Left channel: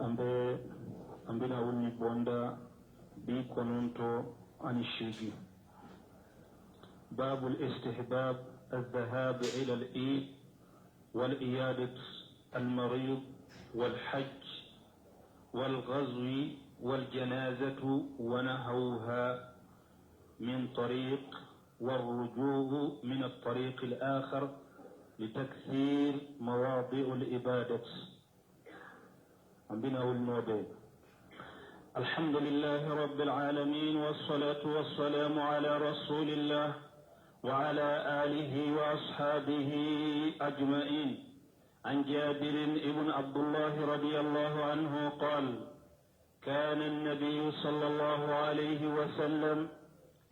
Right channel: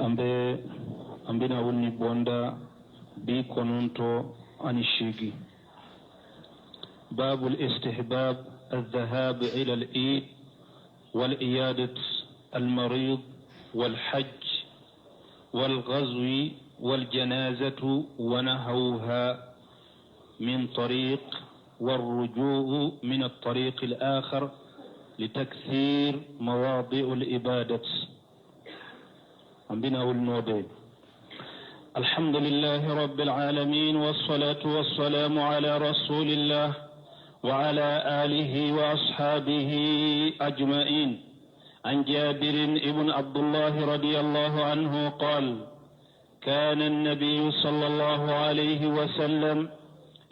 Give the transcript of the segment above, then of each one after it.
ambina wulni bonda bi kononto ani shigi. باب الاستحباب الذهاب إلى العيد والعيادة المريض والحج والغزو والجنازة ونحوها من طريق والرجوع من الطريق الآخر لتكثير مواضع العبادة. عندنا والنودين. الحمد لله رب العالمين والصلاة والسلام على رسول الله وعلى آله وأصحابه أجمعين. عن جابر بن عبد الله رضي الله عنه قال: كان النبي صلى الله عليه وسلم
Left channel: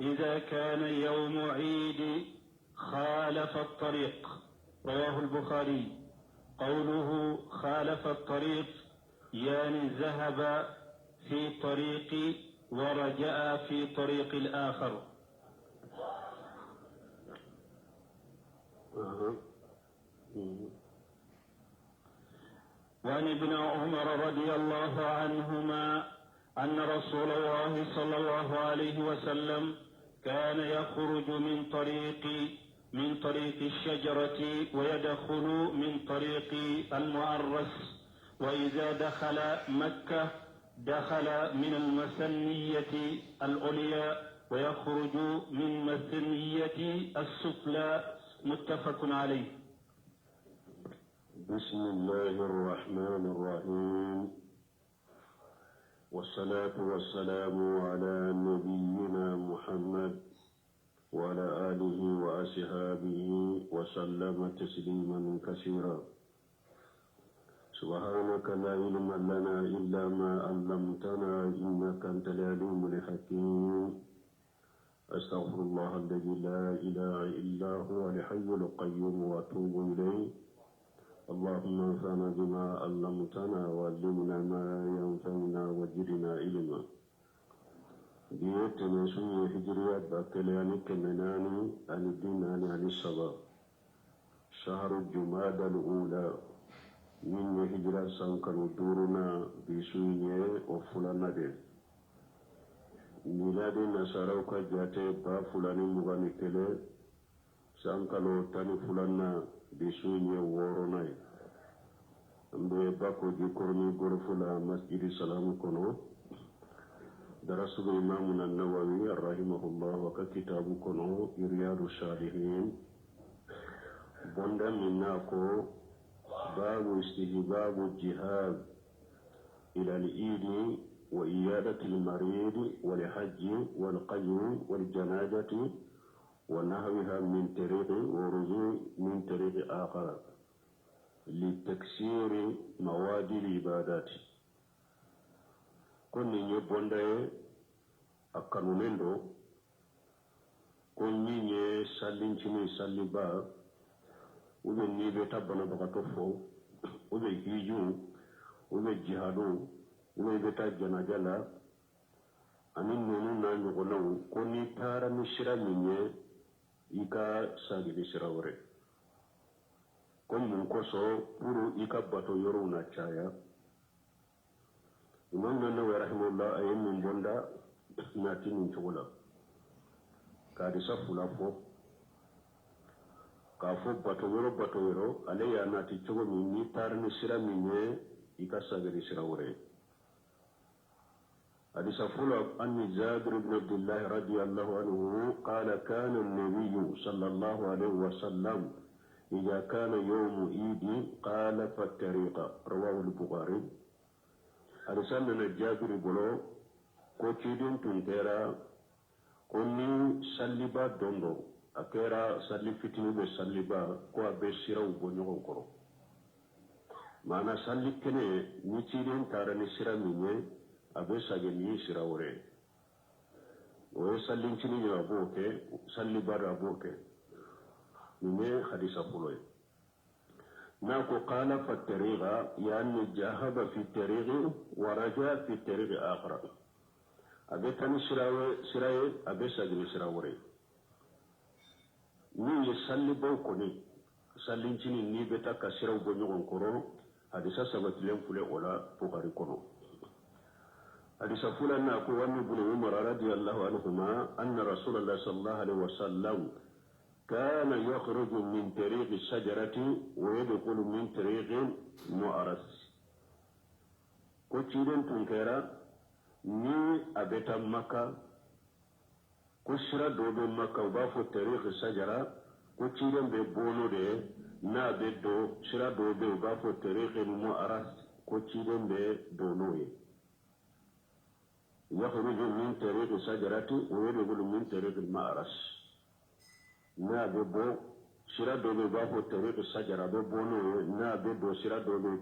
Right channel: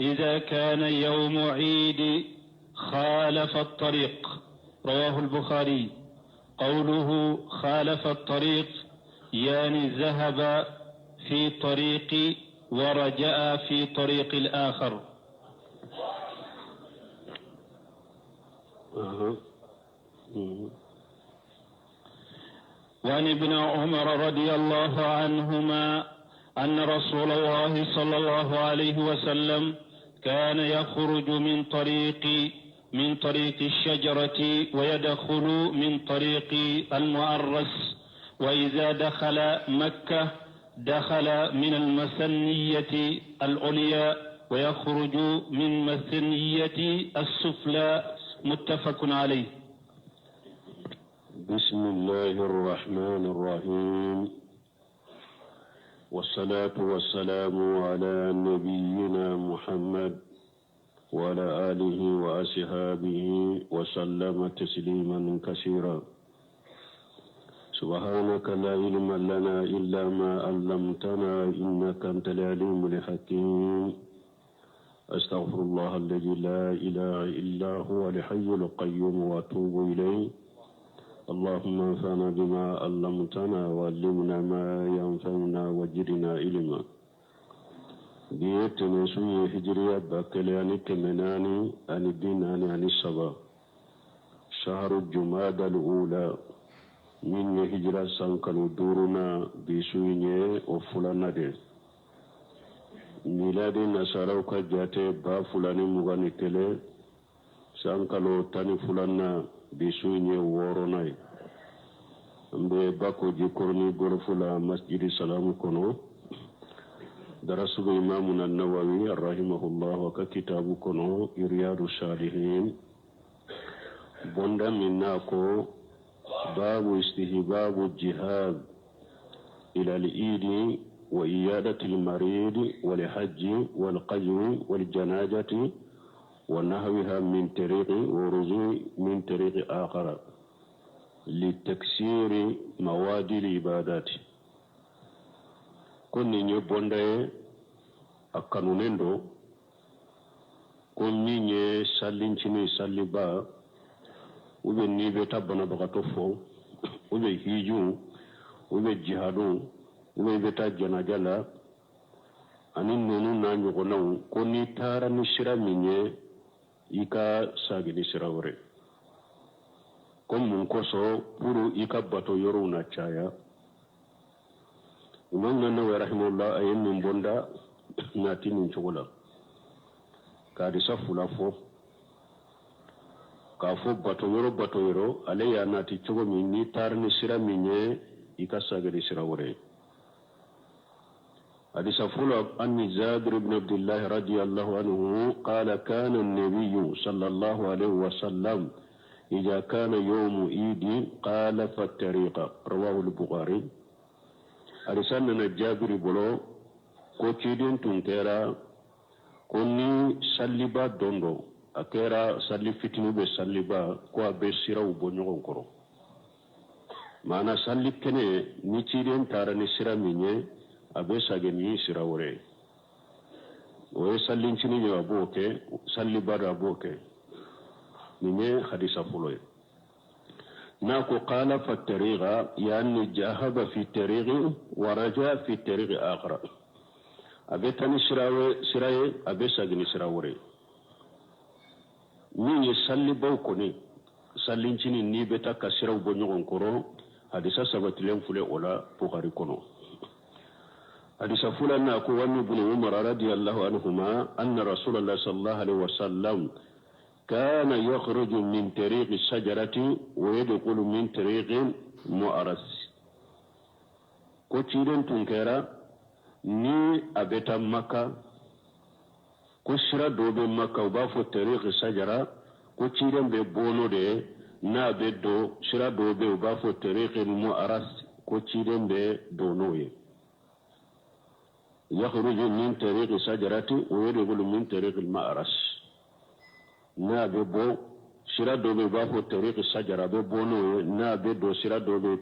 إذا كان يوم عيد خالف الطريق. رواه البخاري. قوله خالف الطريق يعني ذهب في طريق ورجع في طريق الآخر. وعن ابن عمر رضي الله عنهما أن رسول الله صلى الله عليه وسلم كان يخرج من طريق الشجرة ويدخل من طريق المعرس، وإذا دخل مكة دخل من المثنية العليا ويخرج من مثنية السفلى. متفق عليه. بسم الله الرحمن الرحيم، والصلاة والسلام على نبينا محمد وعلى آله وأصحابه وسلم تسليما كثيرا. سبحانك لا علم لنا إلا ما علمتنا إنك أنت العليم الحكيم. أستغفر الله الذي لا إله إلا هو الحي القيوم وأتوب إليه. اللهم انفعنا بما علمتنا وعلمنا ما ينفعنا وزدنا علما. بيتنا سوي هجرية بكلاني كمناني عن الديناني عن الصبا شهر الجمادى الأولى من هجرة سانكن دورنا بسويني وفلانا دي ميلاد نصارى كجاتي با فلاني مغاني تلي سانكالو تاني فلانا بسويني ووروناي مبي باكو جيكورني غرفلا مسجد سلام كونو درسوا إمامنا النووي رحمه الله وكتاب كونو رياض الصالحين بوندا مناكو باب استحباب الجهاد إلى العيد وإيادة المريض والحج والقجو والجنازة ونحوها من طريق ورجوع من طريق آخر لتكسير مواد العبادات. كوني نيبوندا أكانونندو كوني ني سالينشيني ساليبا ube ni beta bana bagato fo ube hiju ube jihadu ube beta janajala ani nonu na nyogona ko ni tara ni shira minye ika sagi ni shira wore ko mun ko so puru ika bato yoro na chaya umman nan wa rahimullah ayen min bonda nati min chogola ka di safula fo kafo bato yoro ale ya nati chogo min ni tarni sira minye ikasagari sira wore. حديث عن جابر بن عبد الله رضي الله عنه قال كان النبي صلى الله عليه وسلم إذا كان يوم عيد قال فالطريق. رواه البخاري. حديث عن جابر بلو كوتشيدين تنتيرا كوني سلبا دوندو akera salli fitinu be salliba ko be siraw bo nyogon koro mana salli kene ni ciden tara ni sira minye abe sage ni sira wore o sallin cini yo aboke salli bara aboke minye hadisa fuloy ناكو قال فالطريق يعني جاهد في الطريق ورجع في الطريق آخر أبي تاني سراي أبي ساقني سراوري مين يسالي بوكوني سالينشيني نيبتا كسراو بنيغون كورو hadisa sabatilen fule ola bukhari kono hadisa fulanna ko wani ibn umar radiyallahu anhuma anna rasulullah sallallahu alaihi wasallam كان يخرج من طريق الشجرة ويدخل من طريق مؤرس كوتشيرن تنكرا ني أبتا مكة كشرا دوبي مكة وبافو طريق الشجرة كوتشيرن ببونو دي نا بدو شرا دوبي وبافو طريق المؤرس كوتشيرن بدونوي يخرج من طريق الشجرة ويدخل من طريق المؤرس na be bo sira do be ba fo tariq sajara be bono na be do sira do be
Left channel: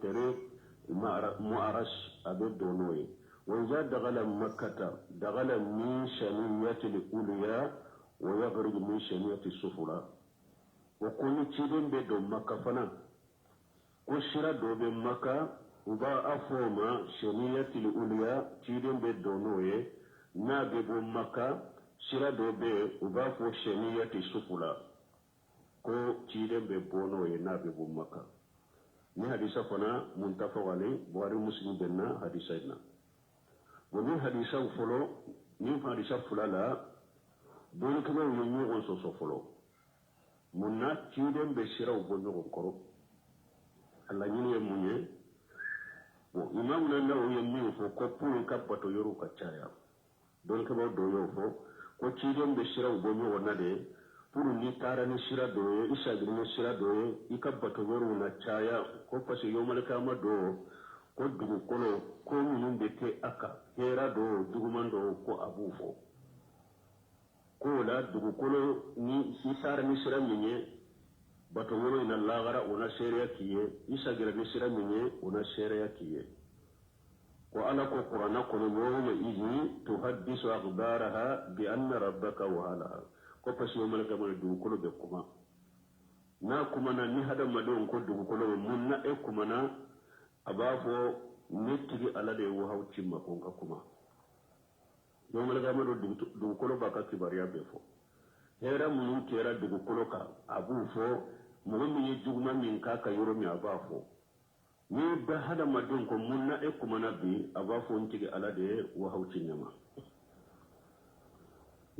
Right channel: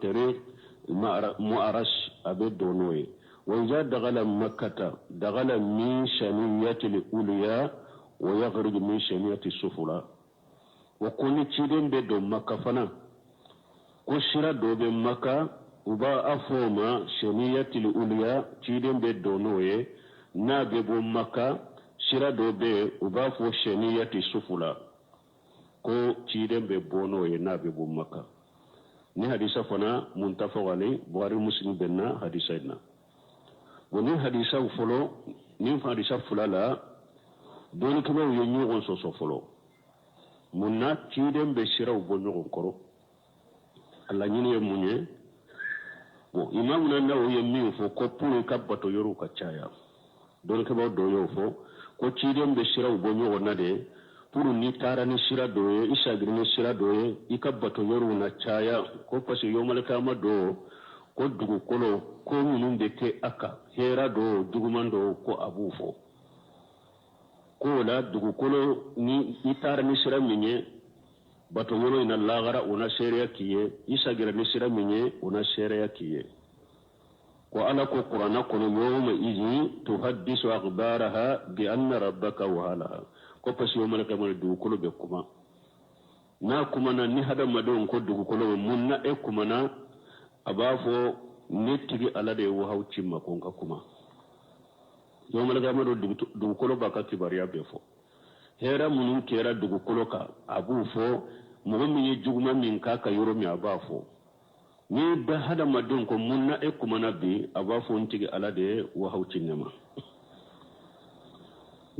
tariq mu'aras abe do noy wa idha daghala makkah daghala min shaniyati al-ulya wa yakhruj min shaniyati as-sufla wa kullu chidin be do makkah fana ko sira do be makkah uba afoma shaniyati al-ulya chidin be do noy na be bo makkah sira do be uba fo sheniyati sufula ko ciden be bono ye na be bu makka ni hadisa fana muntafaqani buhari muslim benna hadisa ina woni hadisa folo ni hadisa fulala doni ko yo nyogon so folo munna ciden be sira bo nyogon koro alla nyini ye munye bo imam na nawo ye mi fo ko pulu kabbato yoru ka chaya don ko do yo fo ko ciden be sira bo nyogon na de puru ni tara ni sira doye isa grine sira doye ikabbato yoru na chaya ko pasi yo malaka ma do ko dugu kolo ko minun de ke aka hera do dugumando ko abufo ko la dugu kolo ni itara ni sira minye bato yoru ina lagara una seria kiye isa grine sira minye una seria kiye ko ala ko qur'ana ko yawma izi tuhaddisu akhbaraha bi anna rabbaka wahalaha ko pasi yo malaka mo dugu kolo be kuma na kuma na ni hada madon ko dugu kolo mun na e kuma na abafo netigi ala de wo hawci makon ka kuma yo malaka mo dugu kolo ba ka kibariya be fo hera mun kera dugu kolo ka abu fo mo min yi juguma min ka ka yoro mi abafo ni da hada madon ko mun na e kuma na bi abafo ntigi ala de wo hawci nyama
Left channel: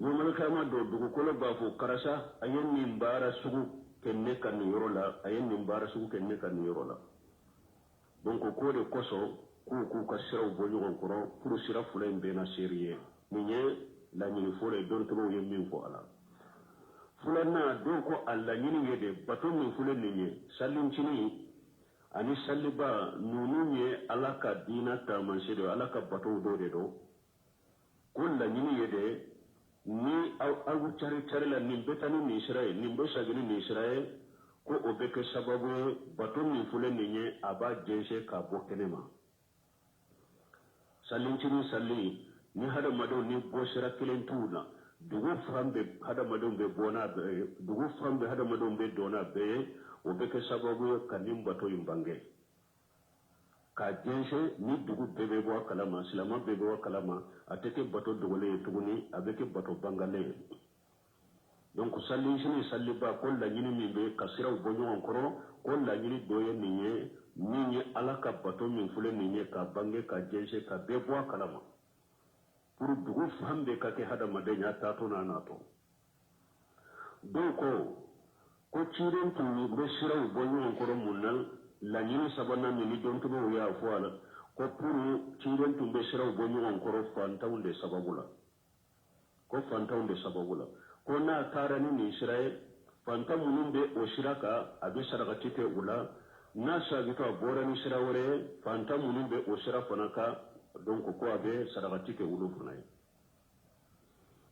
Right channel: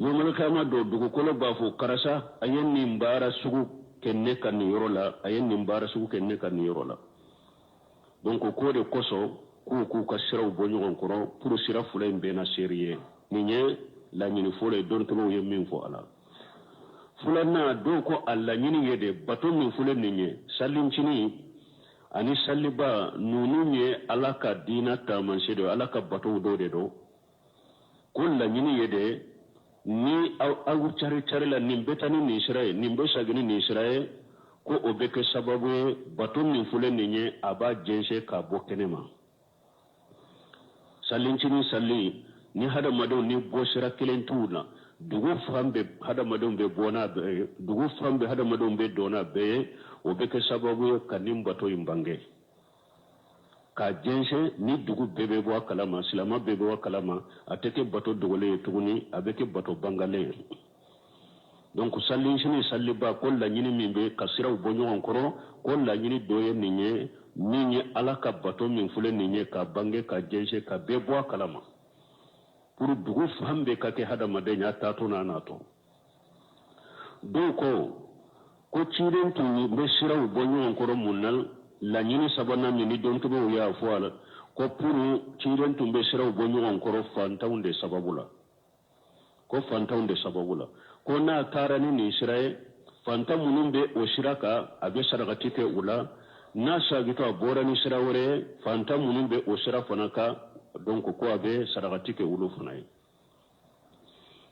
yo malaka ma do dugu kolo ba fo karasa ayen ni mbara sugu kenne kan yoro la ayen ni mbara sugu kenne kan yoro la donc ko de koso ku ka sira bo nyon koro pour sira fule be na serie ni nye la nyini fule don to yo min fo ala fula na do ko alla nyini yede baton min fule ni nye sallin chini ani salliba nunu nye alaka dina ta man sedo alaka bato do de do ko la nyini yede ni awu cari la nin betani ni Israel nin be sagini ni Israel ko obeke sababu baton ni fule ni nye aba jense ka bokenema salincini sali ni hada madon ni bosira kilentuna dugu fambe hada madon be bona dugu fambe hada madon be dona be obeke sababu kanim bato imbange ka jense ni dugu bebe bo kalama silama bebe bo kalama ateke bato dogole tuguni abeke bato bangale donc sallin shini salliba ko la nyini mimbe kasira bonyo onkoro ko la nyini doye ninye alaka bato min fule ninye ka bange ka jense ka bebo kalama pour dugu fambe ka ke hada madenya tato na nato donc ko chiren tuni be sira bonyo onkoro munal la nyini sabana mini don to ya foala ko puru chiren tumbe siraw bo nyon koro fantaunde sababula ko na tarani ni israel fantamunun be o shiraka abe saragati ke ula na sagito abora ni sirawre fantamunun be o shira fanaka donc ko abe saragati ke ulu funai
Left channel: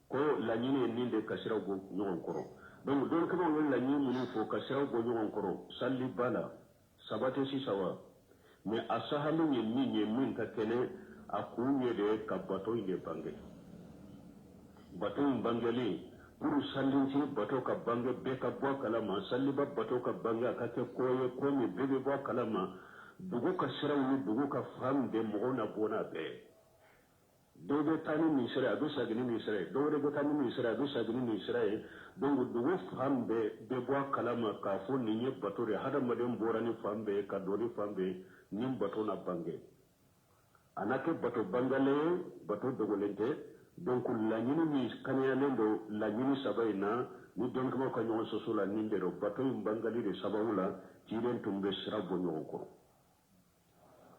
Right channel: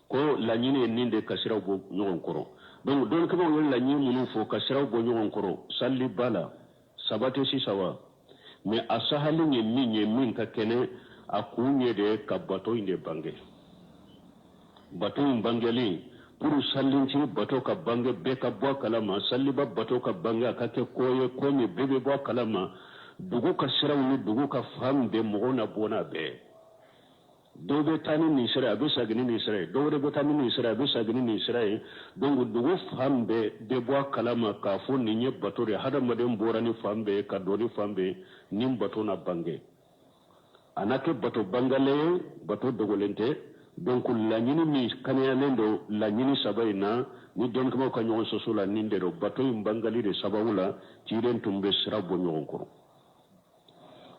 ko la nyini ninde kasiraw bo nyon koro donc don kama wala nyini munun fo kasiraw bo nyon koro salli bala sabate si sawa mais asahali min ka kene akunye de ka bato inde bange bato bangeli pour sallinci bato ka bange be ka bo kalama salliba bato ka bange ka ke koye ko ni bebe bo kalama dugu ka siraw ni dugu ka fambe mo na bona be do be tani ni sira be sagini ni sira do be tani ni sira be sagini ni sira donc dugu fambe de bo kalama ka fo ni nye batore hada madem borani fambe ka doni fambe nim bato na bange anake bato bangale bato dogolente donc la nyini mi kanya lendo la nyini sabaina ni don ko ka nyon so la ninde do bato bangali de sabawula ci den tumbe sira bo nyon ko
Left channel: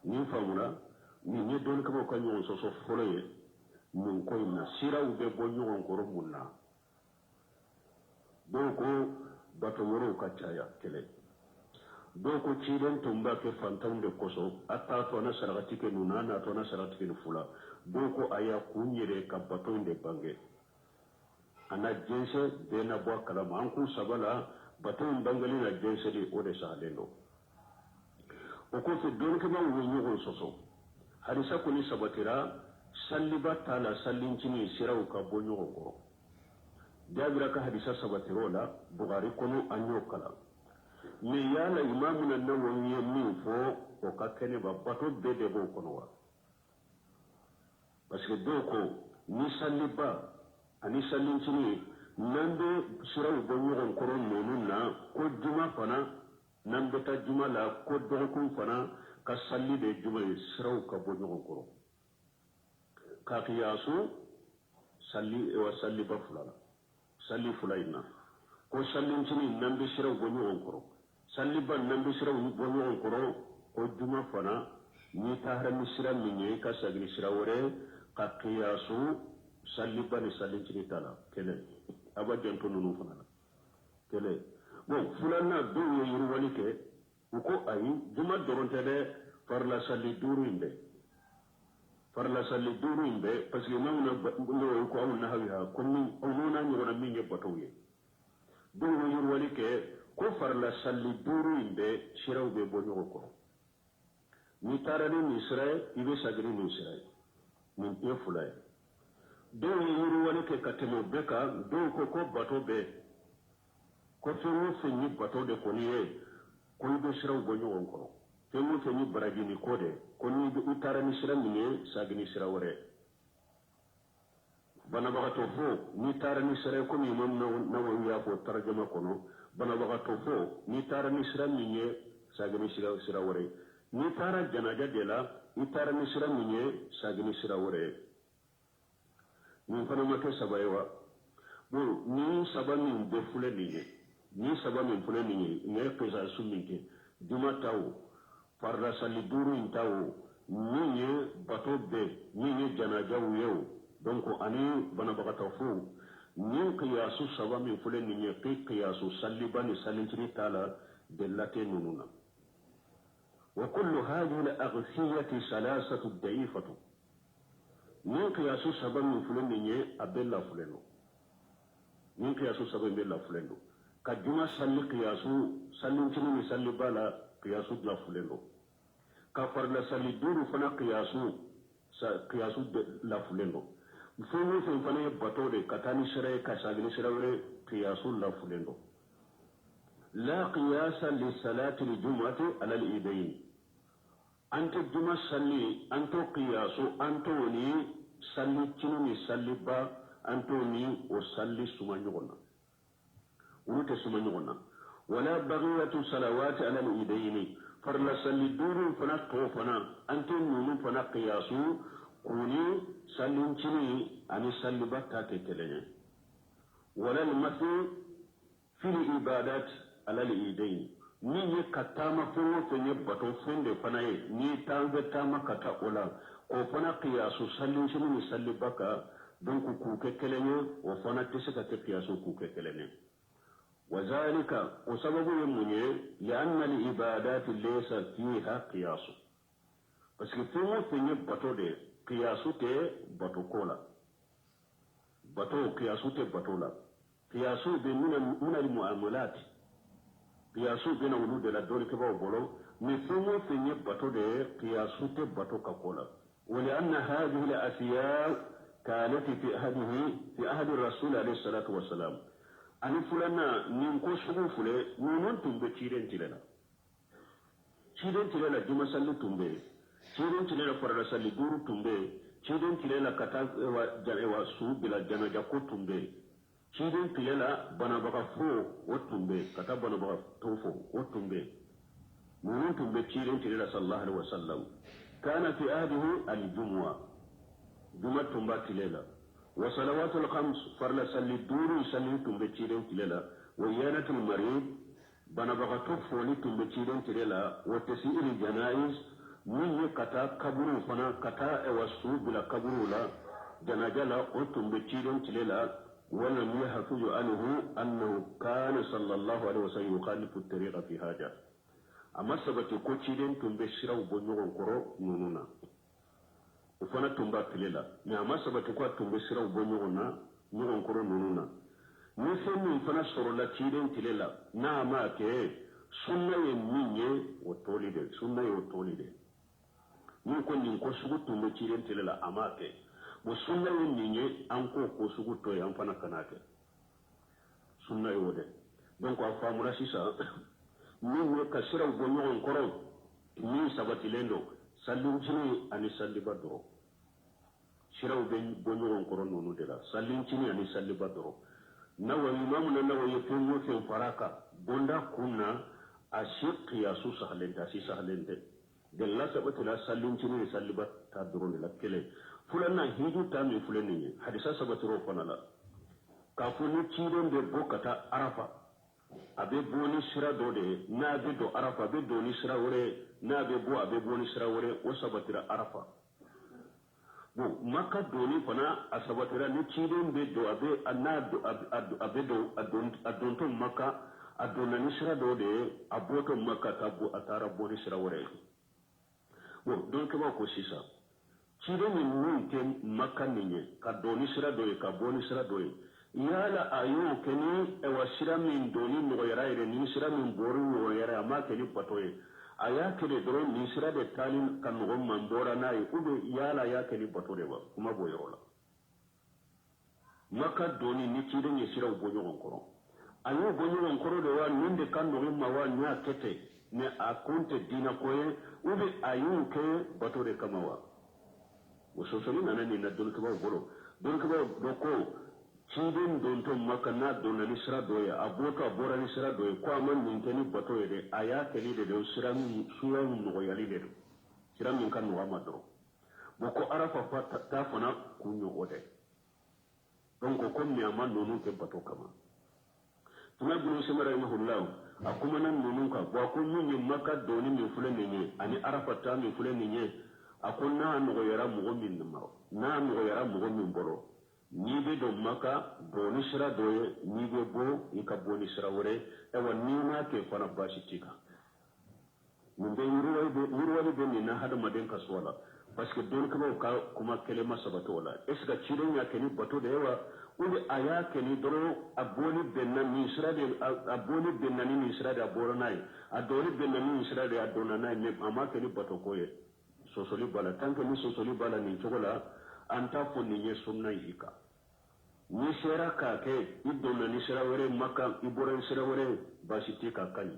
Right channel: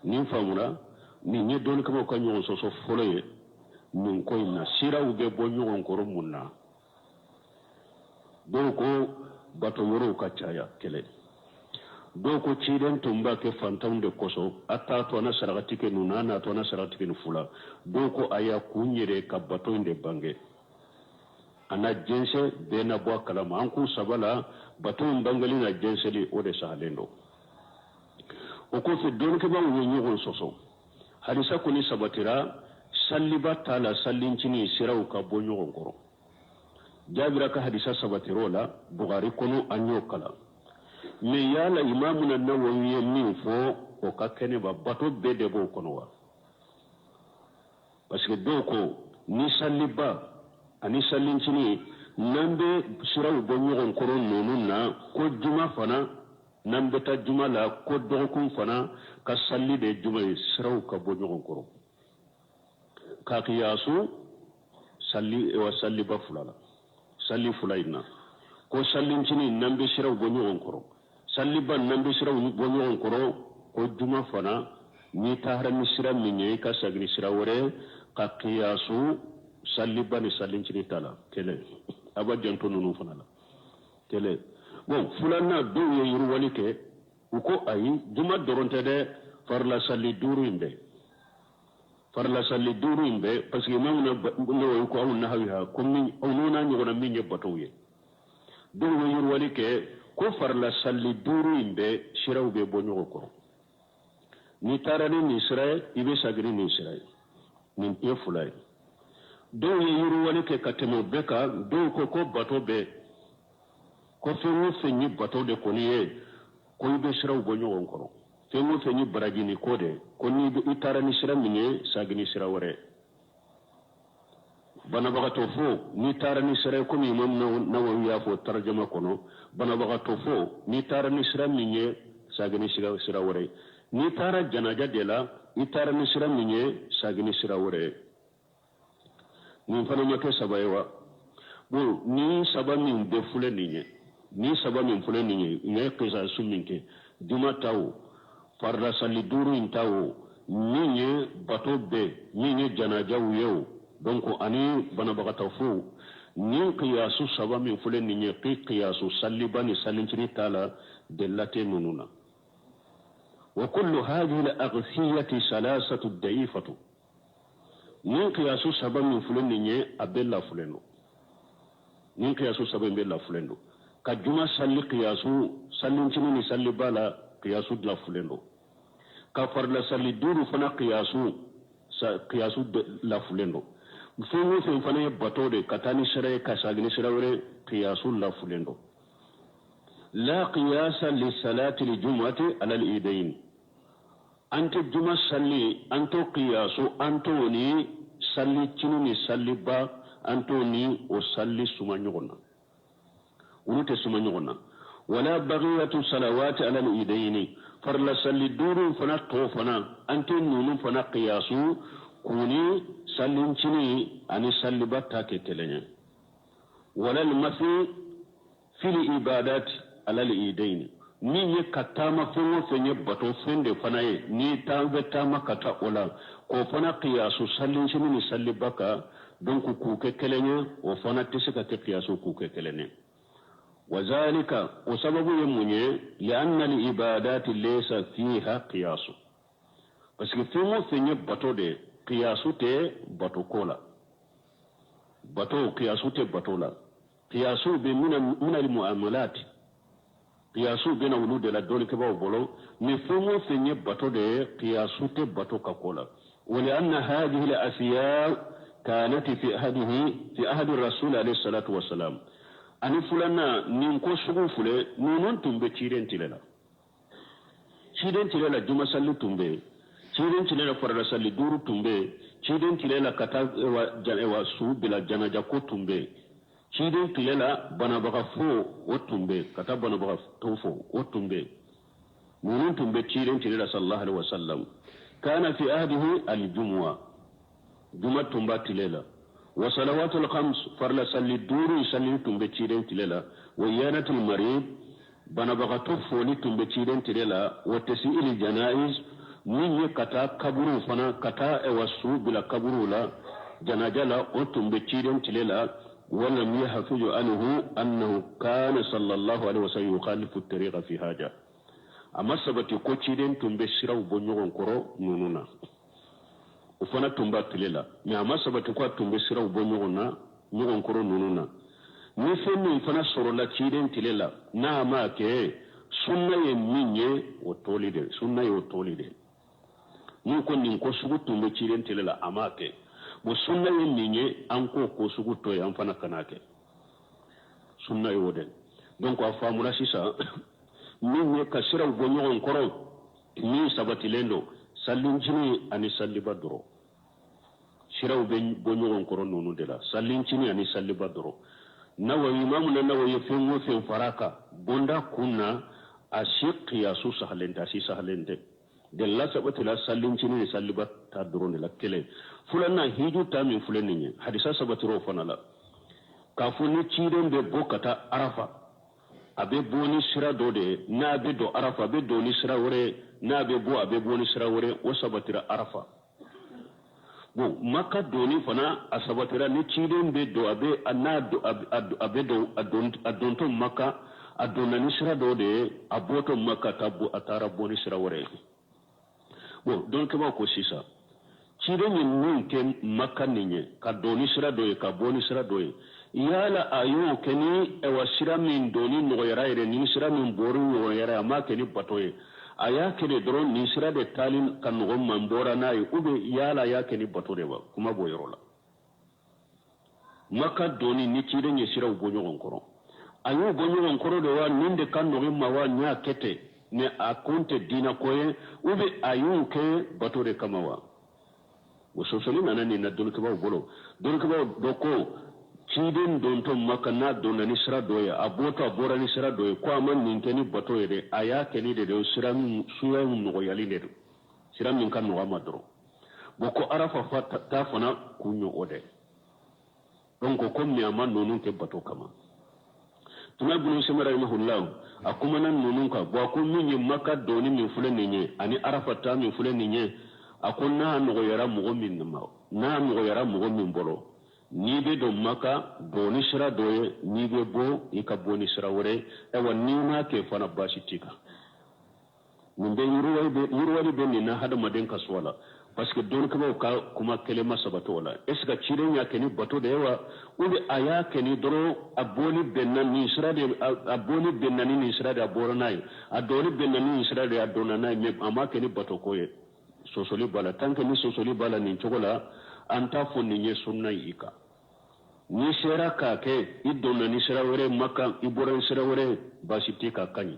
ni famula ni nye don ko ka nyon so foloye min koy na sira ube bo nyon ko munna donc bato yoro ka caya kele donc ci den tumba ke fantam de koso atta to na sarati ke nuna na to na sarati ke fula donc aya kunyere ka bato inde bange ana jense be na bo kalama an ku sabala bato bangali na jense li o de sahalendo o ko se don ke ba wo nyon soso hadisa kuni sabatira salliba tala sallincini siraw ka bo nyon koro jabira ka hadisa sabatirola bukhari kono anyo kala me yala imamuna nawawi min fo ko ka kene ba bato be de bo kono wa parce que doko ni salliba ani sallincini nambe siraw bo nyon koro nonuna ko juma fana nambe ta juma la ko dokun fana ka salli de juma siraw ka bo nyon koro ka qiyasu salli wa salli ba fulala salli fulayna ko sallincini nambe siraw bo nyon koro salli ban nambe siraw bo nyon koro ko juma fana ni tahra ni sira minye ka sagri sira wore ka qiyasu salli ban sallincini tala kele aba janto nunu fana la kele bon fulana do ye yuru wali ke uko ayi juma doronte de farla salli duru imbe farla salli duru imbe parce que mam no ko awun nahawiha comme onuna nyogona minye batoye do ye yuru wali ke ko farla salli duru imbe shirawbe bonyo ko ni tarani ni israel ibe sagri ni israel ni efulay do ye yuru wali ke katemo beka do ko bato be ko fengo fenyi bato de koniye ko ibe shiraw bonyo ko fengo fenyi baragini kode ko ni be itarani shira minye sagni shira wore bana bagato fo ni tarani shira ko mi mom na ya fo tarjuma kono bana bagato fo ni tarani shira minye sagni shira wore ni tara janaja de la itarani shira minye sagni shira wore ni fana nyako sabaywa bo ni sabami be fule ninye ni sabami fule ninye ne kesa suminke duma taw farda salli duru intaw ninye bato be ninye janaja wiyo donc ani bana bagata fu ni qiyasu sabami fule ninye qiyasu salli bani sallincini tala delate mununa wa kullu hadhihi al-aghthiyati salasatu da'ifatu ni qiyasu sabami fule ninye abella fuleno ni qiyasu sabami bella fuleno ka juma salli qiyasu sallincini ni salli bala qiyasu la fuleno ka farla salli duru fana qiyasu la fuleno fengo fen fana bato de katani sere ka sagni sere wore qiyasu la fuleno la qiyasa li salati li jum'ati ala al idain ante juma salli anto qiyasu anto ni salli chinu ni salli ba anto ni o salli suma nyogona unute suma nyogona wala baghiyatu salawati ala al idain farla salli duru fana to fana ante nunu fana qiyasu kuni sallin chini ani salli batta ke kelenya wala al mafi fil ibadat ala al idain ni ye katama fengo fenye bato fende fana ye ni tawe tama kata ola ko fana qiyasu sallin chini ni salli baka donc ku ke kelenya o fana tisika ke qiyasu ku ke kelenya وذلك وسبب يمني لأن العبادات ليس فيها قياس parce que fengo fenye bato de qiyasu te bato kola bato qiyasu te bato la qiyasu be min al muamalat qiyasu be na wulu de la dole ke ba bolo mais fengo fenye bato de qiyasu te bato ka kola ولأن هذه الأشياء كانت في عهد الرسول عليه الصلاة والسلام ani fulana nin ko sugu fule nunun tumbe ciren tilela juma salli tumbe ciren tilela farda salli duru tumbe ciden tilela kata wa su bila janaja ko tumbe ciden tilela bana baka fo o tumbe kata bana baka tofo o tumbe munun tumbe ciden tilela sallallahu alaihi wasallam kana fi ahdihi al-jum'a juma tumba tilela wa salawatul khams farla salli duru salli tumbe ciden tilela wa yanatul marid bana baka tofo ni tumbe ciden tilela wa tasi'il janaiz min ye kata kaburu fana kata wasu bila kaburu la janajala o tumbe ciden tilela ولم يحفظ عنه أنه كان صلى الله عليه وسلم يخالف الطريق في حاجة أما سبتي كوتشيدين تنبشرا وبنيون كرو نونونا وفنا تنبات للا أما سبتي كوات تنبشرا وبنيون كرو نونونا نفهم فنا سرولا تشيدين تللا نعما كي سنة يميني وطولي دي سنة يوطولي دي نكون نكو سبو تنبشيدين تللا أما كي bo sunna yin ninye an ko sugu to yan fana kanake sunna yo den donc a famura sisa min ne ka sira go nyon koro ni sabati lendo sallin jini ani salli badro sira go nyon koro nonu de la sallin jini ani salli badro nawa imam na nawa fen wo fen faraka bonda kunna a shiqi ya su sahalenta si sahalente de la sabati la sallin jini salli badro ne la kele fulanna hiju ta min fulanni ne hadisa sabatiro fanala kafuni ciiden be bokata arafa abe boni sira do de na be do arafa be do ni sira wore na be boni sira wore o sabatira arafa bo makka do ni fana asabatira ni ciiden be do abe anado abe do adonto makka adona ni sira do de aboto makka tabu atara boni sira wore bo donc ba ko sisa cire min nun ke makanninye ka doni sira doye ka boni sira doye yala ayo keni ewa sira min doni nogoyara ire ni sira min bori nogoyara ama keni batoye aya kene doron ni sira de talin kan nogon man bora nayi ube yala ya keni batore ba kuma boyorola maka doni ni cire nye sira ubonyogon koro ayo ubonyogon koro de wa ninde kan nogin ma wa nya kete ne akonte dina koye ube ayo ke batore kama wa sosoli nana ni na dol kibaw bolo dol kibaw doko ciden don to makana don na ni sira doya abota bora ni sira doya ko aman nin keni bato yede aya keni de sira suya no yali de sira min kan no amadro boko arafa ta fana kunyo ode donc ko mi aman nonu ke bato kama tuna bunu semara ni hullam akuma nan nonu ka bo ko min makka doni min fulen ni ani arafa ta min fulen ni akon na nogo yara mogo min ma na nogo yara mogo min bolo ni be do maka boni sira doye ni be bo ika boni sira wore ewa ni na ke fana bashi tika mun be yurwali be ni na hada maden kaswala parce que don ka kuma kelema sabato wala eska ciren ya keni bato da yawa ube aya keni doro aboni bennan ni sira de aboni bennan ni sira da boranai adori bennan ni sira da adonanai me ama keni bato koye sosoli bala tanke ni sosoli bala ni chogola anta fonni nye sunna ika ni sera ka ke idona ni sera wore makka iboran sera wore basiti ka kanyi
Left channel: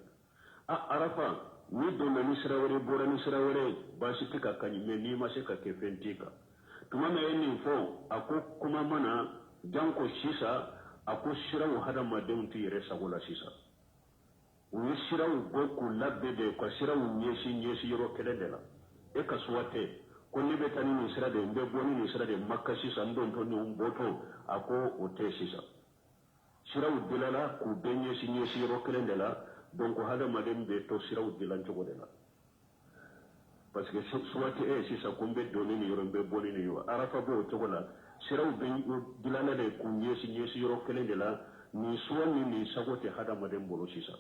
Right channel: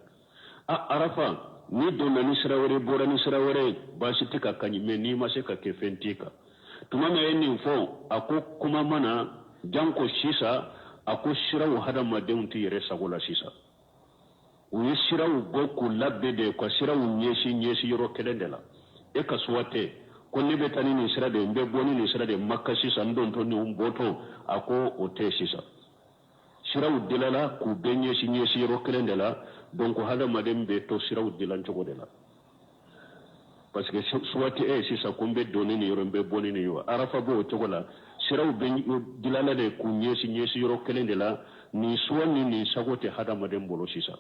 arafa ni dona ni sera wore bora ni sera wore basiti ka kanyi me ni maseka ke fentika tumama yeni fo ako kuma mana janko shisa ako shirawo hada madeunti yere sagola shisa uyi shirawo goku labbe de ko shirawo nyesi yoro kelendela e ka suwate ko ni be tani ni sira de mbe boni ni sira de makka sisa ndon to ni umboto ako o te sisa sira udilala ku benye sinye siro kelendela donc hada madem be to sira udilan jogo de la parce que suwate e sisa ko mbe doni ni yoro mbe boni ni yo arafa bo to gola sira ubenye dilala de ku nye sinye siro kelendela ni suwani ni sagote hada madem bolo sisa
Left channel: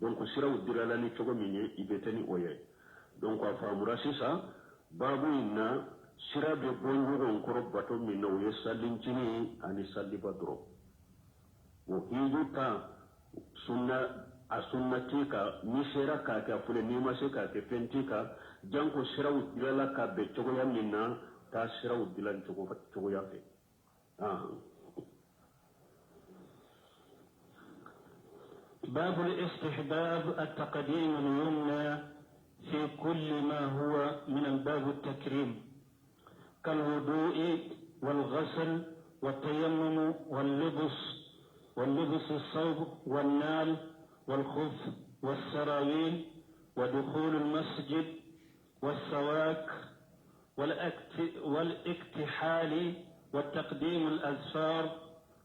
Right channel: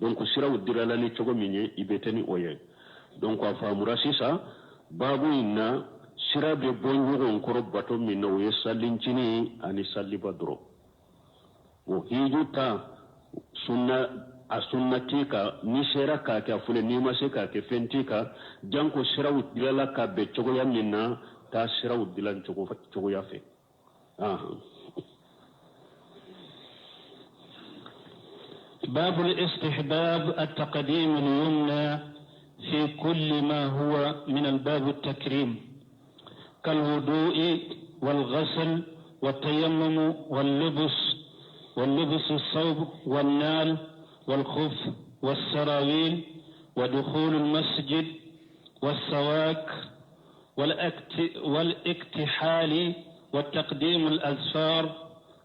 donc sira udilala ni jogo minye ibeteni oye donc a famura sisa babu inna sira be bonjogon koro bato min no ye sallincini ani salliba dro o hijuta sunna a sunnati ka ni sera ka ka fule ni ma se ka ke fentika janko sira udilala ka be chogo ya minna ta sira udilan chogo ya fe باب الاستحباب التقديم اليمنى في كل ما هو من الباب التكريم كالوضوء والغسل والتيمم واللبس الثوب والنال والخف والسراويل ودخول المسجد والسواك والاكتحال وتقديم الأظفار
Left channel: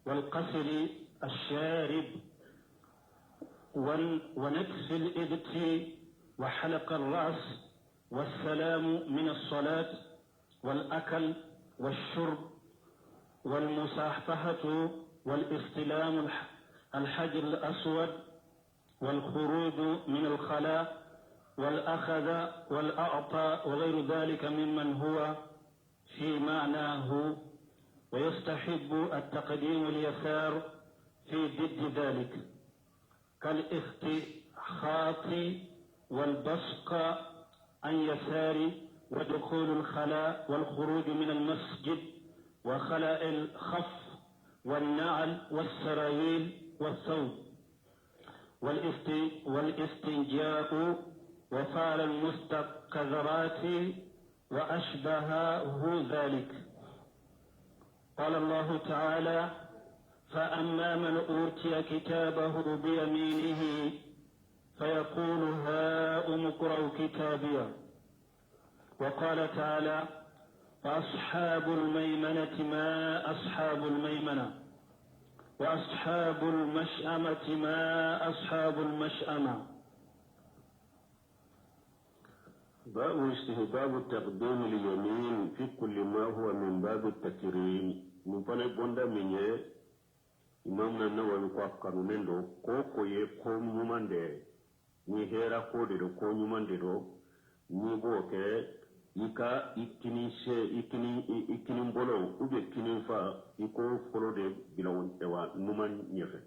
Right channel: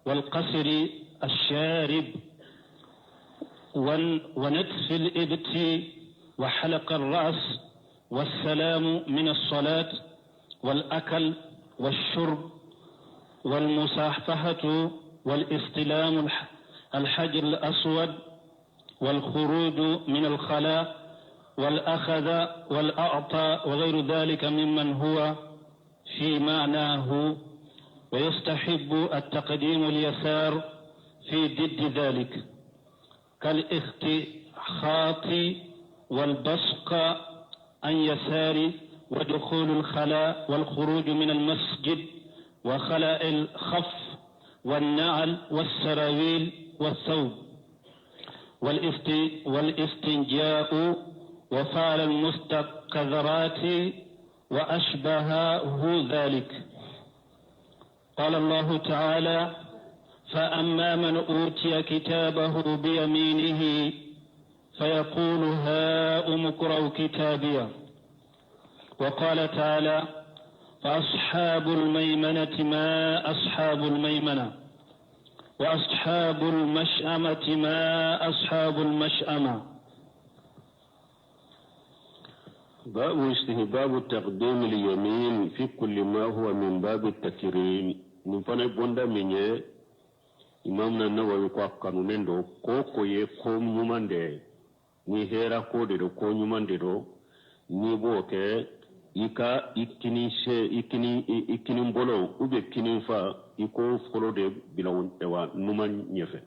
والقصر الشارب ونتف الإبط وحلق الرأس والسلام من الصلاة والأكل والشرب والمصافحة والاستلام الحجر الأسود والخروج من الخلاء والأخذ والأعطى وغير ذلك ممن هو في معناه، ويستحب التقديم اليسار في ضد ذلك كالاختخاط والبصق عن يسار ودخول الخلاء والخروج من المسجد وخلاء الخف والنعل والسراويل والثوب والاستنجاء وفعل المستقذرات وأشبهه ذلك. قال الله تعالى: فأما من أوتي كتابه بيمينه فيقول هاؤم اقرءوا كتابيه. وقال تعالى: فأصحاب الميمنة ما أصحاب الميمنة وأصحاب المشأمة ما أصحاب المشأمة. باب استهباب تقديم اليمين في كل ما هو من باب التكريم. نفنا بوندا مني إمامنا النووي قانونين دو كوكو يكوم نمانده ni hera ko de ko nyumande do ni boke ika ikini mbolo ube kini fa iko folo de bilawon ewa numan nyefe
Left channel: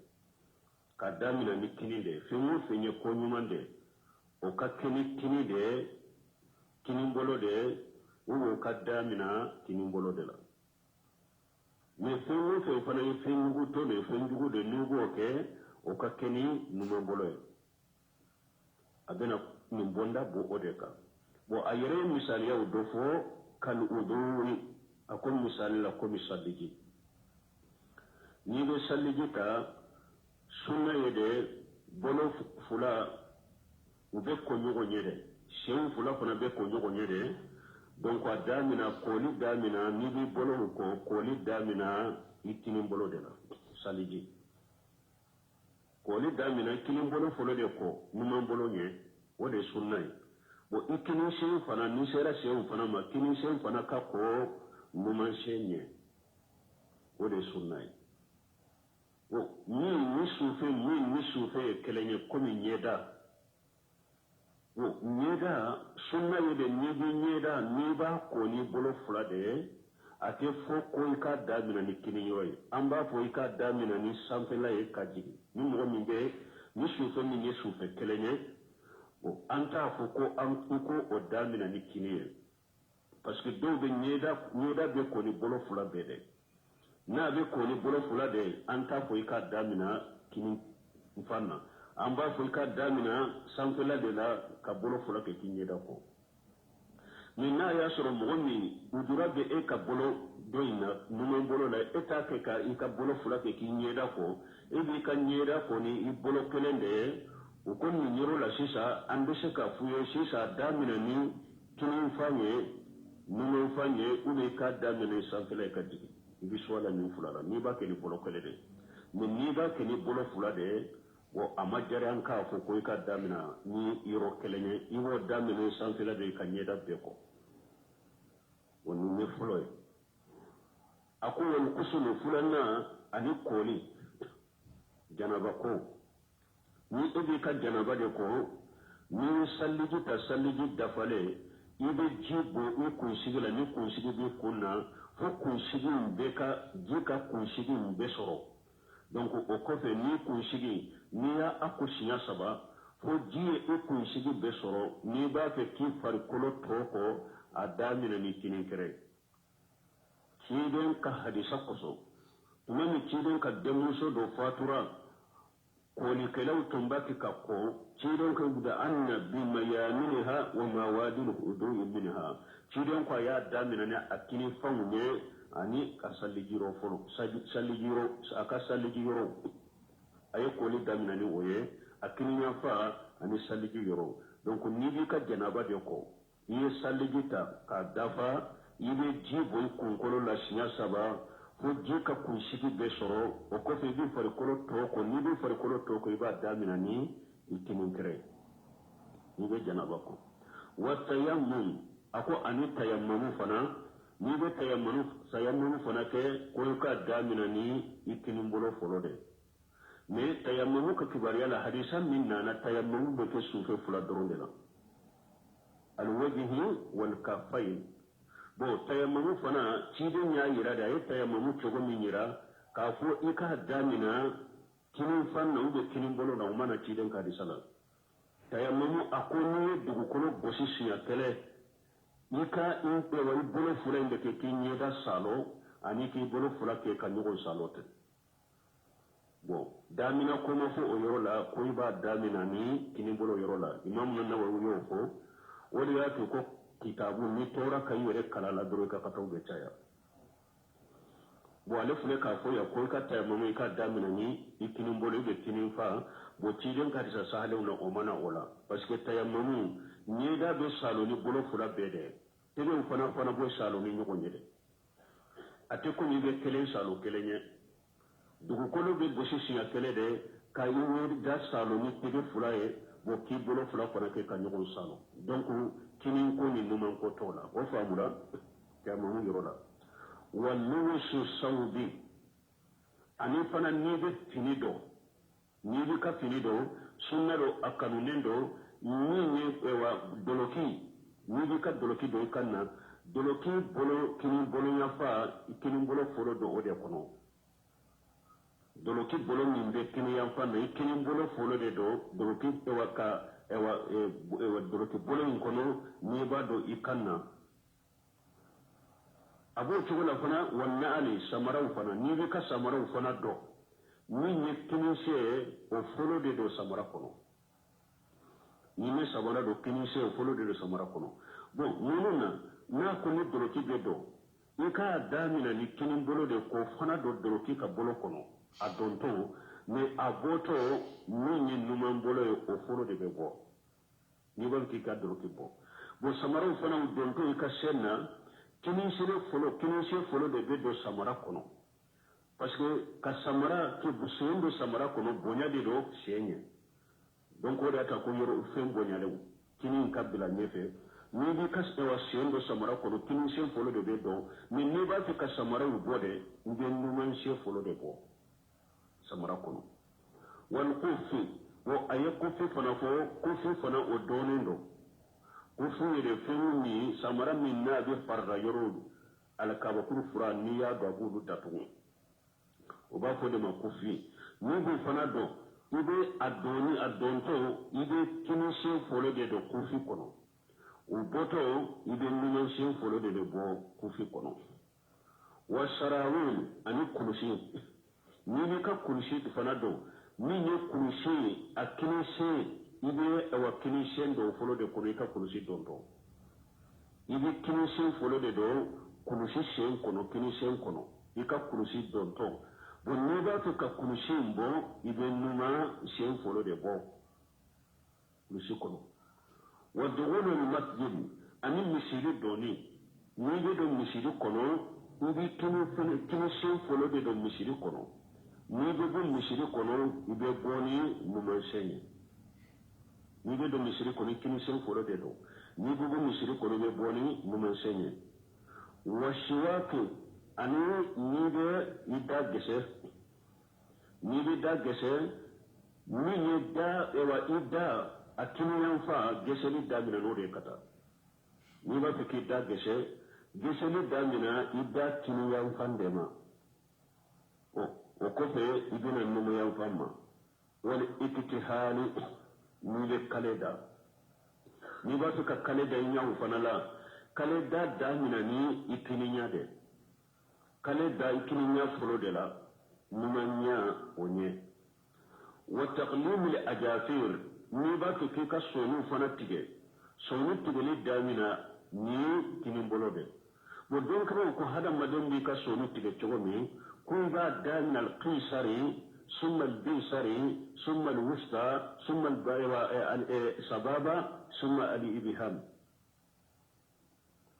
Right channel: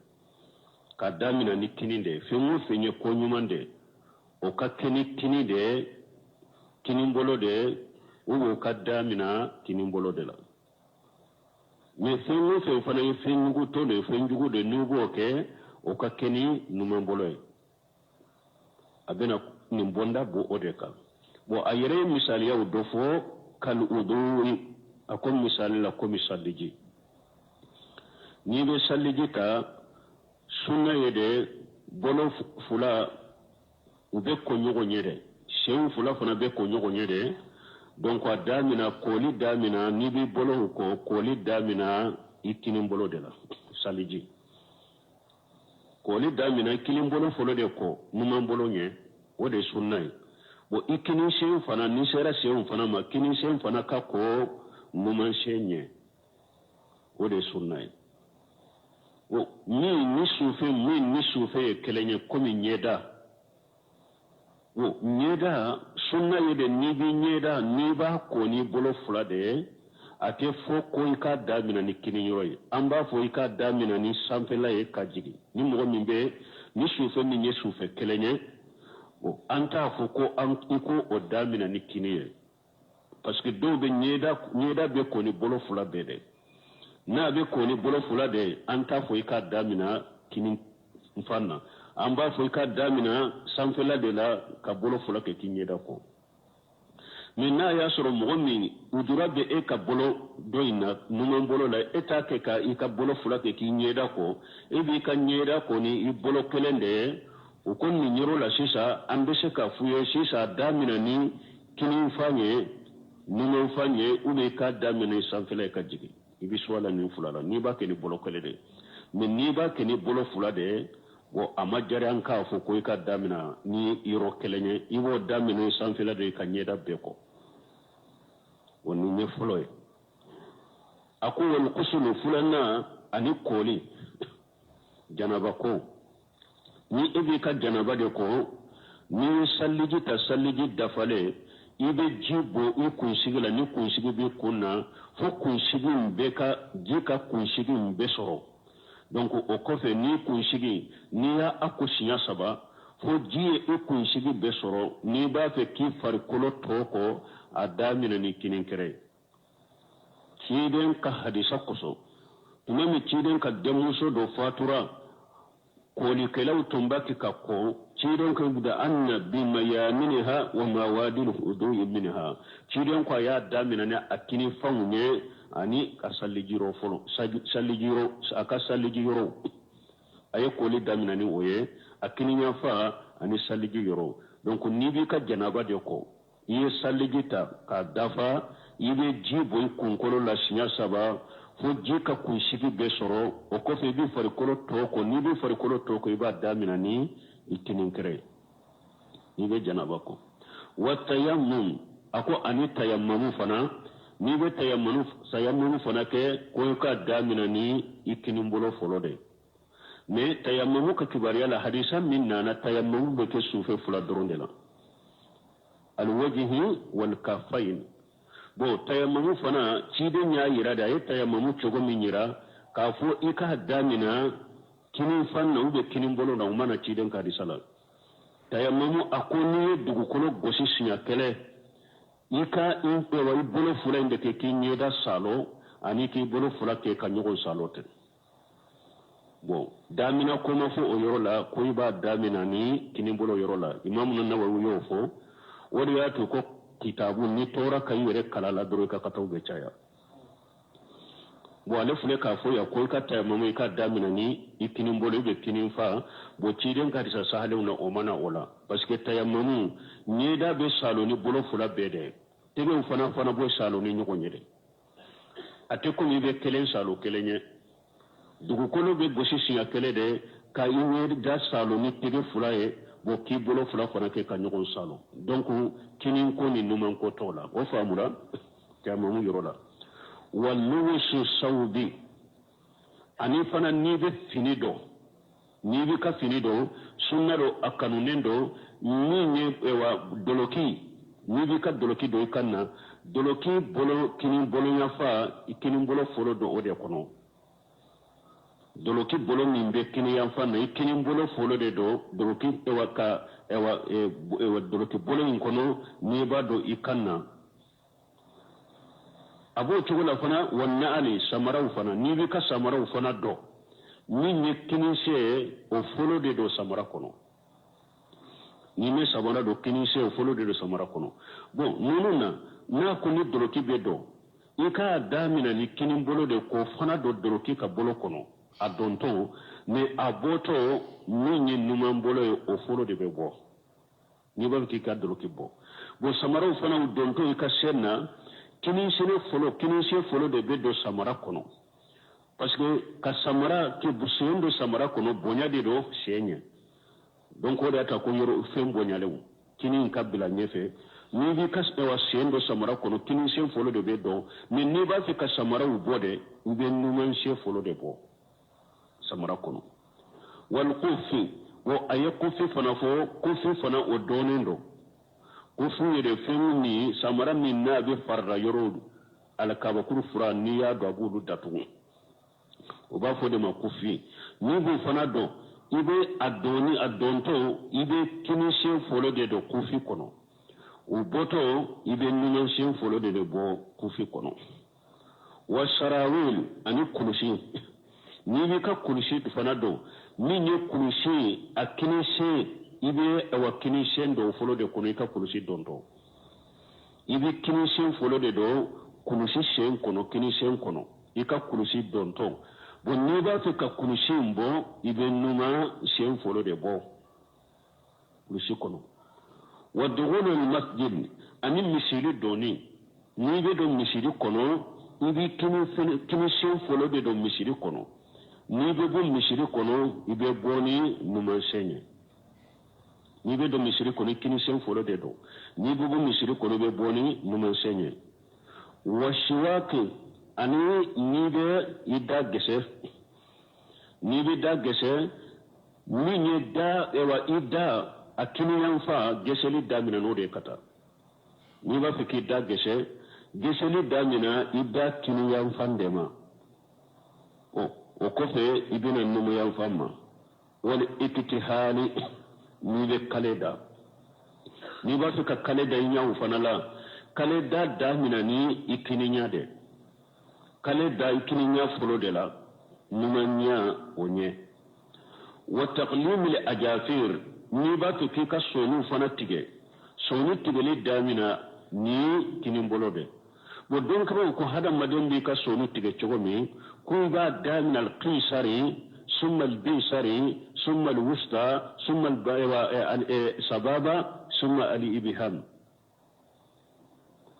kadamina ni kini de femu fenye ko nyumande o ka kini de kini mbolo de ubo kadamina kini mbolo de la me femu fe fana fengu to de fengu de ni boke o ka kini numan mbolo abena nimbonda bo odeka bo ayere misali ya udofo kal udui akom misali la komi salliji ni be salliji ta sunna yede bolo fula ube ko nyogo nyede shew fula fana be ko nyogo nyede donc adamina koli damina ni bi bolo ko koli damina ikini bolo de la salliji koli damina kilim bolo folo de ko numan bolo nye o de sunna bo ikini shen fana ni sera shen fana ma kini shen fana ka ko numan shenye o de sunna bo ni sufe kelenye komi nyeda bo nyeda sunna yede ni bi nyeda ni ba ko ni bolo fula de ate fo ko ika damina ni kini yoy amba fo ika damina ni sampela e kajigi ni mo mimbe ni sufe ni nye sufe kelenye bo anta fo ko am iko o damina ni kini ye parce que do be nyeda be ko ni bolo fula be de na be ko ni bolo fula de anta fo ika damina kini mfanna amba fo ika damina sampela de la ka bolo fula ke kinyeda ko mina ya soro mogomi udura be e ka bolo doina nunon bolo la eta ke ka i ka bolo fula ke ki nyeda ko e bi ka nyeda ko ni i bolo kelende o kon ni nyoro la sisa ande se ka fuye sisa damina ni kini fanye nunon fanye une ka damina sanfele ka jigi ibi swala ni fula la ni ba ke ni bolo kelende men ni ba ke ni bolo fula de wo amajare an ka fo ko i ka damina ni iro kelenye i wo damina sanfele de ka nyeda be ko woni ne fuloy ako wal kusulu fulanna ani koli janaba ko ni ibi ka janaba de ko ni salliji ta salliji dafale ibe jibo i kunsigila ni kunsigi bi kunna fo kunsigi be ka jika kunsigi be soro donc o kofe ni kunsigi ni ya akusinya saba fo jiye i kunsigi be soro ni ba fe ki farikolo toko adamina ni kinin kere kiden ka hadisa koso tumemi kiden ka demuso do fatura koli kelaw tumbaki kakko ciidon ko buda anna bi mayaminha wa mawadil hudu'i minha ciidon ko ya damina ne akini fangne ani asallijiro folo sallijiro aka sallijiro ay koli damina ni oye akini nya fa ani sallijiro donc ni bi ka janaba de ko yi sallijita ka dafa yibe jibo kunkolo la sinya saba fo jika kunshigi be soro o ko fe bi farikolo toko ni bi farikolo toko iba damina ni itinin kare ni be janaba ko wa tayammum ako ani tayammumu fana ni be tayammumu fana ke ko ka damina ni itinin bolo folo de me tayammumu ka kibariya la hadisa min nana tayammumu be ke sufe fula doronde la al wajhi wal kaffain bo tayammumu fana ciden ya yira da ya tayammumu cogo min yira ka fo i ka damina kinin fanna ube kinin bolo na umana ciden ka di sala tayammumu akoni dugukolo gosi sinya kele i ka in pewa i bolo fula inde ke kinye da salo ani ki bolo fula ke ka nyogon salo te bo damina koma fo o yoro la ko i ba damina ni kinin bolo yoro la imam Nawawi yo fo wodi ya to ko kitabu ni tora kai were kala la doro ka kataw be chaya bo ale fule ka fo ya ko ka ta mamu ka damina ni ikinin bolo be kinin fa bo ciden ka disa sahale na o mana ola parce que tayammamu ni da be salo ni bolo fula be de tebe fana bo salo ni nyoko nyede ate ko ni be kelen salo kelenye dugu kono be gosi siya kele de ka iwe da salo ni tebe fula e bo ki bolo fula fana ke ka nyoko salo donc kinin ko ni numan ko tola o famula tayammamu yorola wallusu sawbi ani fana ni be finido ni bi ka finido sunnado akanunendo ni ne ewa doloki ni bi ka doloki do kanna doloki bolo kinin bolo yafa kinin bolo folo do ode kono doloki bolo min be kinin yafa na kinin bolo folo de do doloki ewa ka ewa doloki bolo in kono ni ba do ikanna abo chugula fana wanna ali samarau fana ni bi ka samarau fana do ni ne kinise o folo de do samara kono ni ne samara do kinise o folo de do samara kono bon nununa na ko ni doloki be do ika damina ni kinin bolo de ko fana do doloki ka bolo kono adonto me aboto ni ne numan bolo o folo de be bo ni ba ki ka doloki bo bo samara fana donto ika senna kinise folo de be do samara kono parce que ka samara ke busen do samara kono bonya de do senya donc o data ko yoro fem bonya lew kinin kabila nyefe ni bi kas do sen do samara kono kinin sen folo de be do mais ni ba fi ka samara u bode u be numen se folo de bo samara kono wal kufi wo ayakufi fana fo kufi fana o donendo kufi yede fem ni samara min na be farra yoro ala kabakuru fura ni ya do abudu datu o b'a fɔ de ma ko fi ni b'o fana dɔn i bɛ a dɔnni a dɔntɔ i bɛ kinisiyɛn fɔlɔ de don kufi kɔnɔ o bɔtɔ i bɛ numansiyɛn fɔlɔ de bɔ kufi kɔnɔ wa sarawil ani kulusi n'i b'i ka kulusi fana dɔn min ye kulusi a kinisiyɛn i bɛ wa kinisiyɛn dɔn fɔlɔ de kɔnɔ i ka kulusi dɔntɔ i bɛ kinisiyɛn fɔlɔ de dɔn kulusi siyɛn kɔnɔ kinisiyɛn kɔnɔ i ka kulusi dɔntɔ bon ni ba fi ka kulusin bo ibe numa shen folo de bo kulusi kono wa dughulu al masjid ani misiri doni ni be do misiri kono ibe kini shen folo de do misiri kono ni be bo misiri kono ibe boni numa shenye ni be do misiri kono kini shen folo de do ni be bo misiri kono ibe boni numa shenye wa shiwaki ani ni be ida gese ni be da gese ni ne da ewa ida akini yanfa gese li da mina no de kata ni ba fiki da gese li da mina ida kini yanfa ndema o ko fe ibina numu yanfa ma wal iktihali ni be kaleda ni ba fika kaleda yanfa na la kaleda da mina ni ikini nyade kale da ikini nya folo de la numanya onye وتقليم الأجافير نيبات كيكا سونو فنتيجي سونو تيجي دامنا ني كنيمبولو دي ودون كمان كو هذا مدن بيكا سونو تيجي تشومي كويبا دامنا القيصري ثم البيصري ثم الوسطى ثم السبابة ثم الإبهام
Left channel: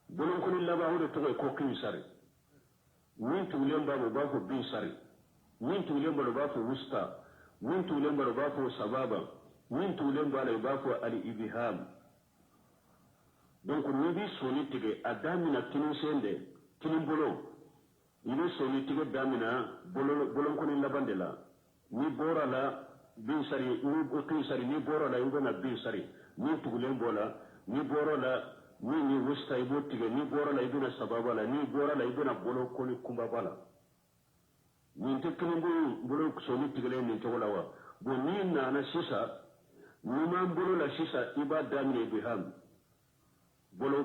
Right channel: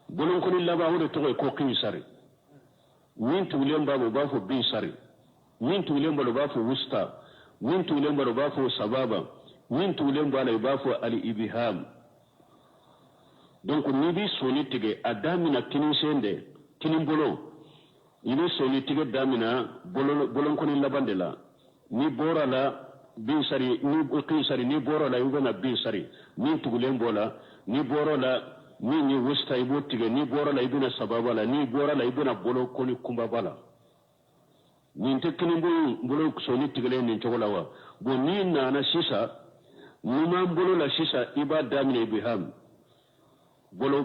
بولون كل الله باهو تقول كو قيصري مين تولين بابو بافو بيصري مين تولين بابو بافو وسطى مين تولين بابو بافو سبابة مين تولين بابو بافو الإبهام donc ni bi soni tige adamina kinin sende kinin bolo ini soni tige damina bolon koni labande la ni bora la bin sari ni kin sari ni bora la yugana bin sari ni tugulen bola ni bora la ni westa ibo tige ni bora la ibuna sababa la ni bora la ibuna bolo koni kumba bala ni te kinin bolo soni tige le ni chogola wa bo ni na sisa ni man bolo la sisa iba damina ibiham bolo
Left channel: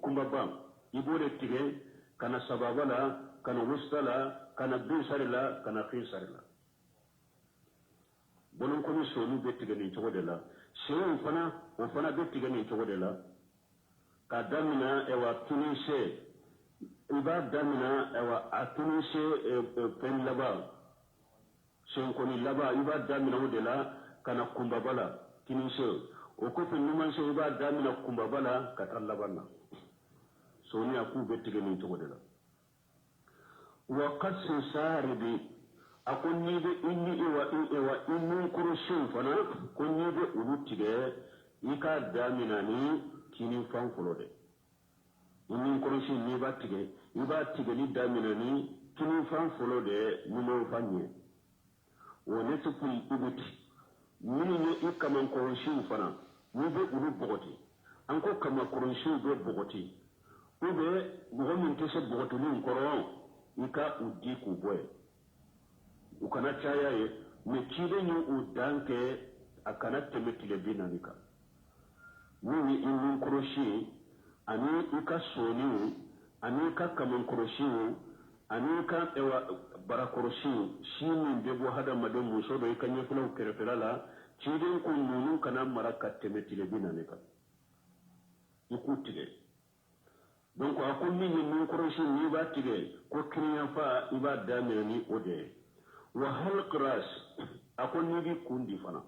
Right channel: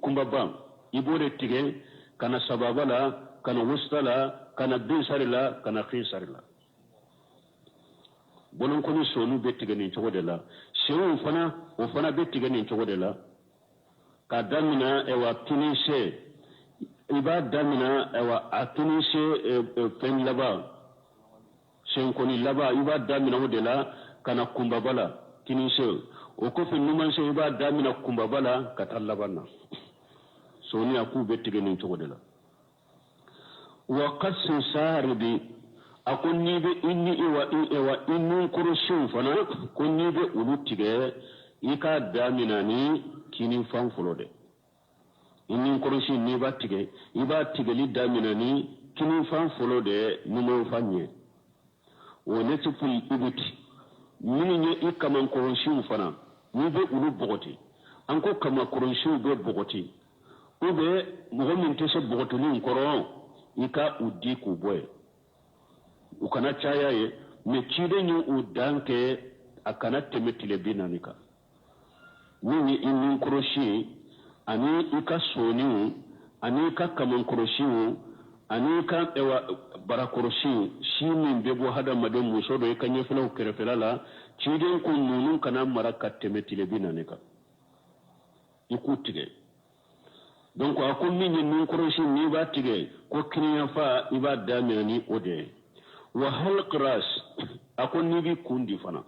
kumba bam ibore tige kana sababa la kana wusta la kana binsari la kana khinsari la bolon ko ni sonu be tige ni chogo de la sewu fana be tige ni chogo de la ka damina e wa tunise iba damina e wa atunise fen laba sen ko ni laba iba damina wo de la kana kumba bala kinise o ko fe numan se iba damina kumba bala katalla banna soni aku bettige nin to godela wa qas sarbi akon ni be inni ewa innun kurushin fana kon ni be ulutige ika damina ni kinin fan fulode innin kurushin ni ba tige li damina ni kinin fan fulode numo fanye wone tupul ibuti mini nye ikaman kurushin fana ni be ulu bogoti anko kama kurushin be bogoti ube mogo min tese bogotuni nkoro ika udi ku boy ukana chaya ye me chide nyu udanke akana temetile binanika nini inni nkoroshi ani ika soni ani ika kama nkoroshi ani ika ewa barakoroshi shi min bebo hada madon musodo ika nyefela ukerefela la chide nkununu kana maraka temetile binanika ikutige donc akon min ni koroshi ni ba tige ko kiniya fa iba damina ni ode wa halq ras akon ni bi kundi fana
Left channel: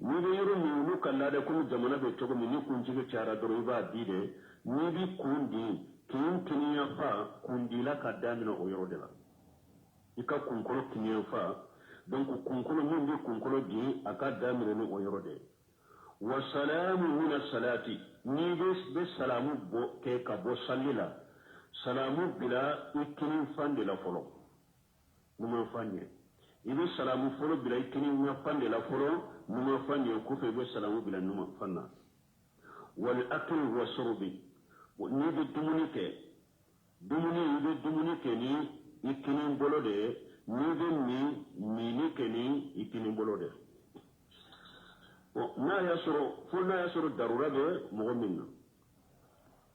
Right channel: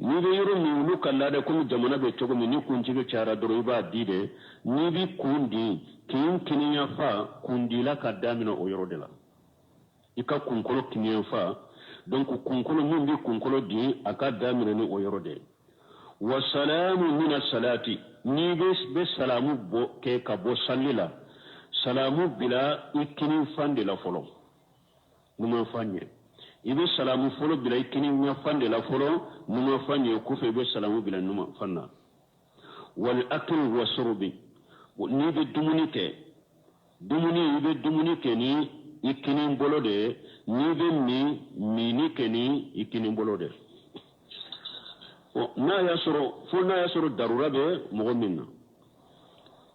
ni be yoro ni lu kala da ko jamana be to ni kunji be cara doro iba dide ni bi kundi kiniya fa kundi la ka damina o yoro de la ika kunkolo kiniya fa donc kunkolo min bi kunkolo di aka damina ni o yoro de wa salamu min as-salati ni be salamu bo ke ka bo sallila salamu bila ikini fande la folo numa fanye ibe salamu folo bila ikini nya fande la folo numa fanye ku fe be salamu bila numa fanna wal akl wa shurbi ni be dumuni ibe dumuni ke ni ikini bolode ni be ni ke ni ikini bolode na yasoro darura be mogo minna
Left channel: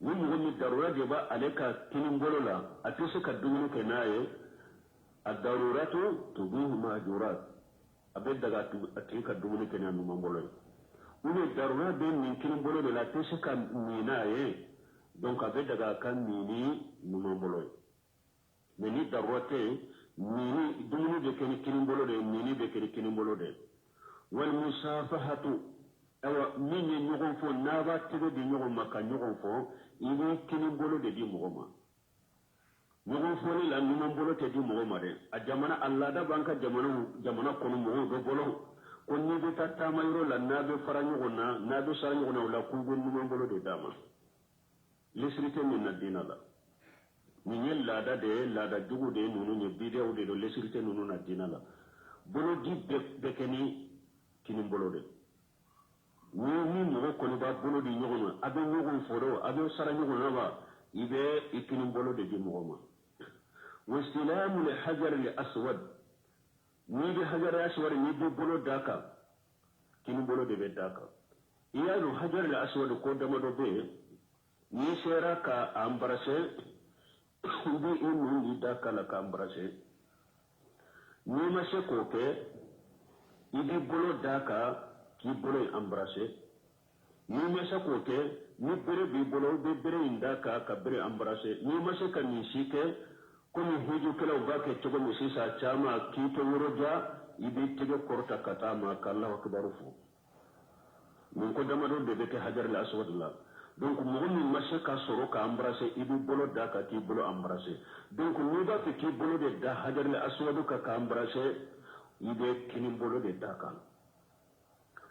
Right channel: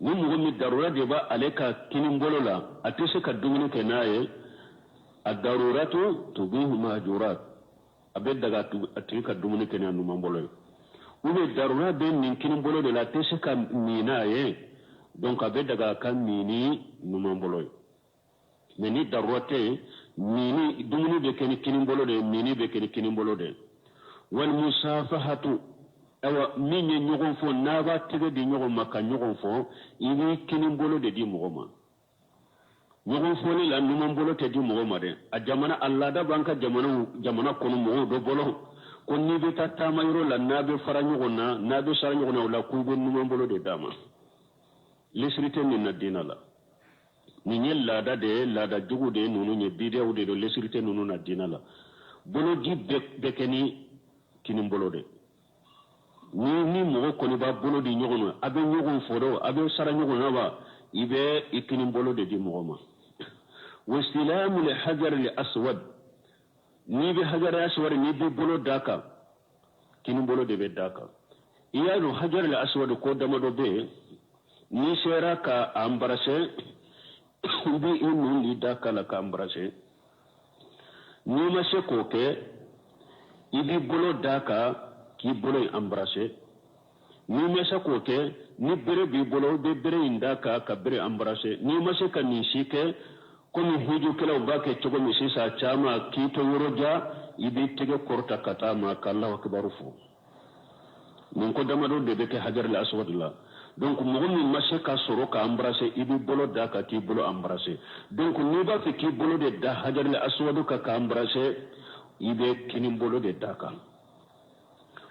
ni mogo mi darura de ba aleka kinin bolola atese ka dumuni ke naye ad-daruratu tubihu mahjurat abe daga ati ka dumuni ke nanu mambolo ube darura be nin kinin bolo de la atese ka minaye donc abe daga kan mini nu mambolo mais ni darurate mini dumuni be ken kinin bolo de mini be ken kinin bolo de wal musafahatu awa min ye ɲɔgɔn fɔ n'a b'a tɛgɛ di ɲɔgɔn ma ka ɲɔgɔn fɔ i bɛ kini bolo de di mɔgɔ ma ɲɔgɔn fɔli la numan bolo tɛ di mɔgɔ ma dɛ a jamana a laada b'an ka jamana kɔnɔ mɔgɔw bɛ bolo ko n'i bɛ taa taama yɔrɔ la n'a bɛ fara ɲɔgɔn na n'a bɛ sara ɲɔgɔn na o la k'u bɛ numan bolo de d'a ma lesiri tɛ nin na diina la nin ye laada de ye laada jugu de ye ninnu ye bidiyaw de don lesiri tɛ ninnu na diina la bolo di bɛɛ kɛ ni kini bolo de ni mogo koni ba bolo di ɲɔgɔn ma a bɛ ɲɔgɔn foro a bɛ sara ɲɔgɔn na ba i bɛ i kini bolo de di mɔgɔ ma wasilamu li hajar li aswad ni bɛ hajar aswad ni bɛ bolo da kan kini bolo de bɛ da kan i y'a dɔn hajar li aswad ko dama dɔ bɛ yen ni sera ka embrasser i bɛ i nun di da kan la ka embrasser n'i ma se k'o kɛ ibi bolo daka ki bolo embrasser ni mesa ko ke ni bere bi bolo be bere indaka ka bere embrasser ni masa ka ni shike ko ni hiju kala ba ke togo mi sisa chama ki to yoroja ibi tege korta katama kallahu akbar fu min ko damado de be ke hajar al aswad la donc mo ni masa ka soro ka embrasser ibi bolo daka ki bolo embrasser donc ni ba ke ki bolo de da hajar al aswad ka embrasser ibe kini bolo de daka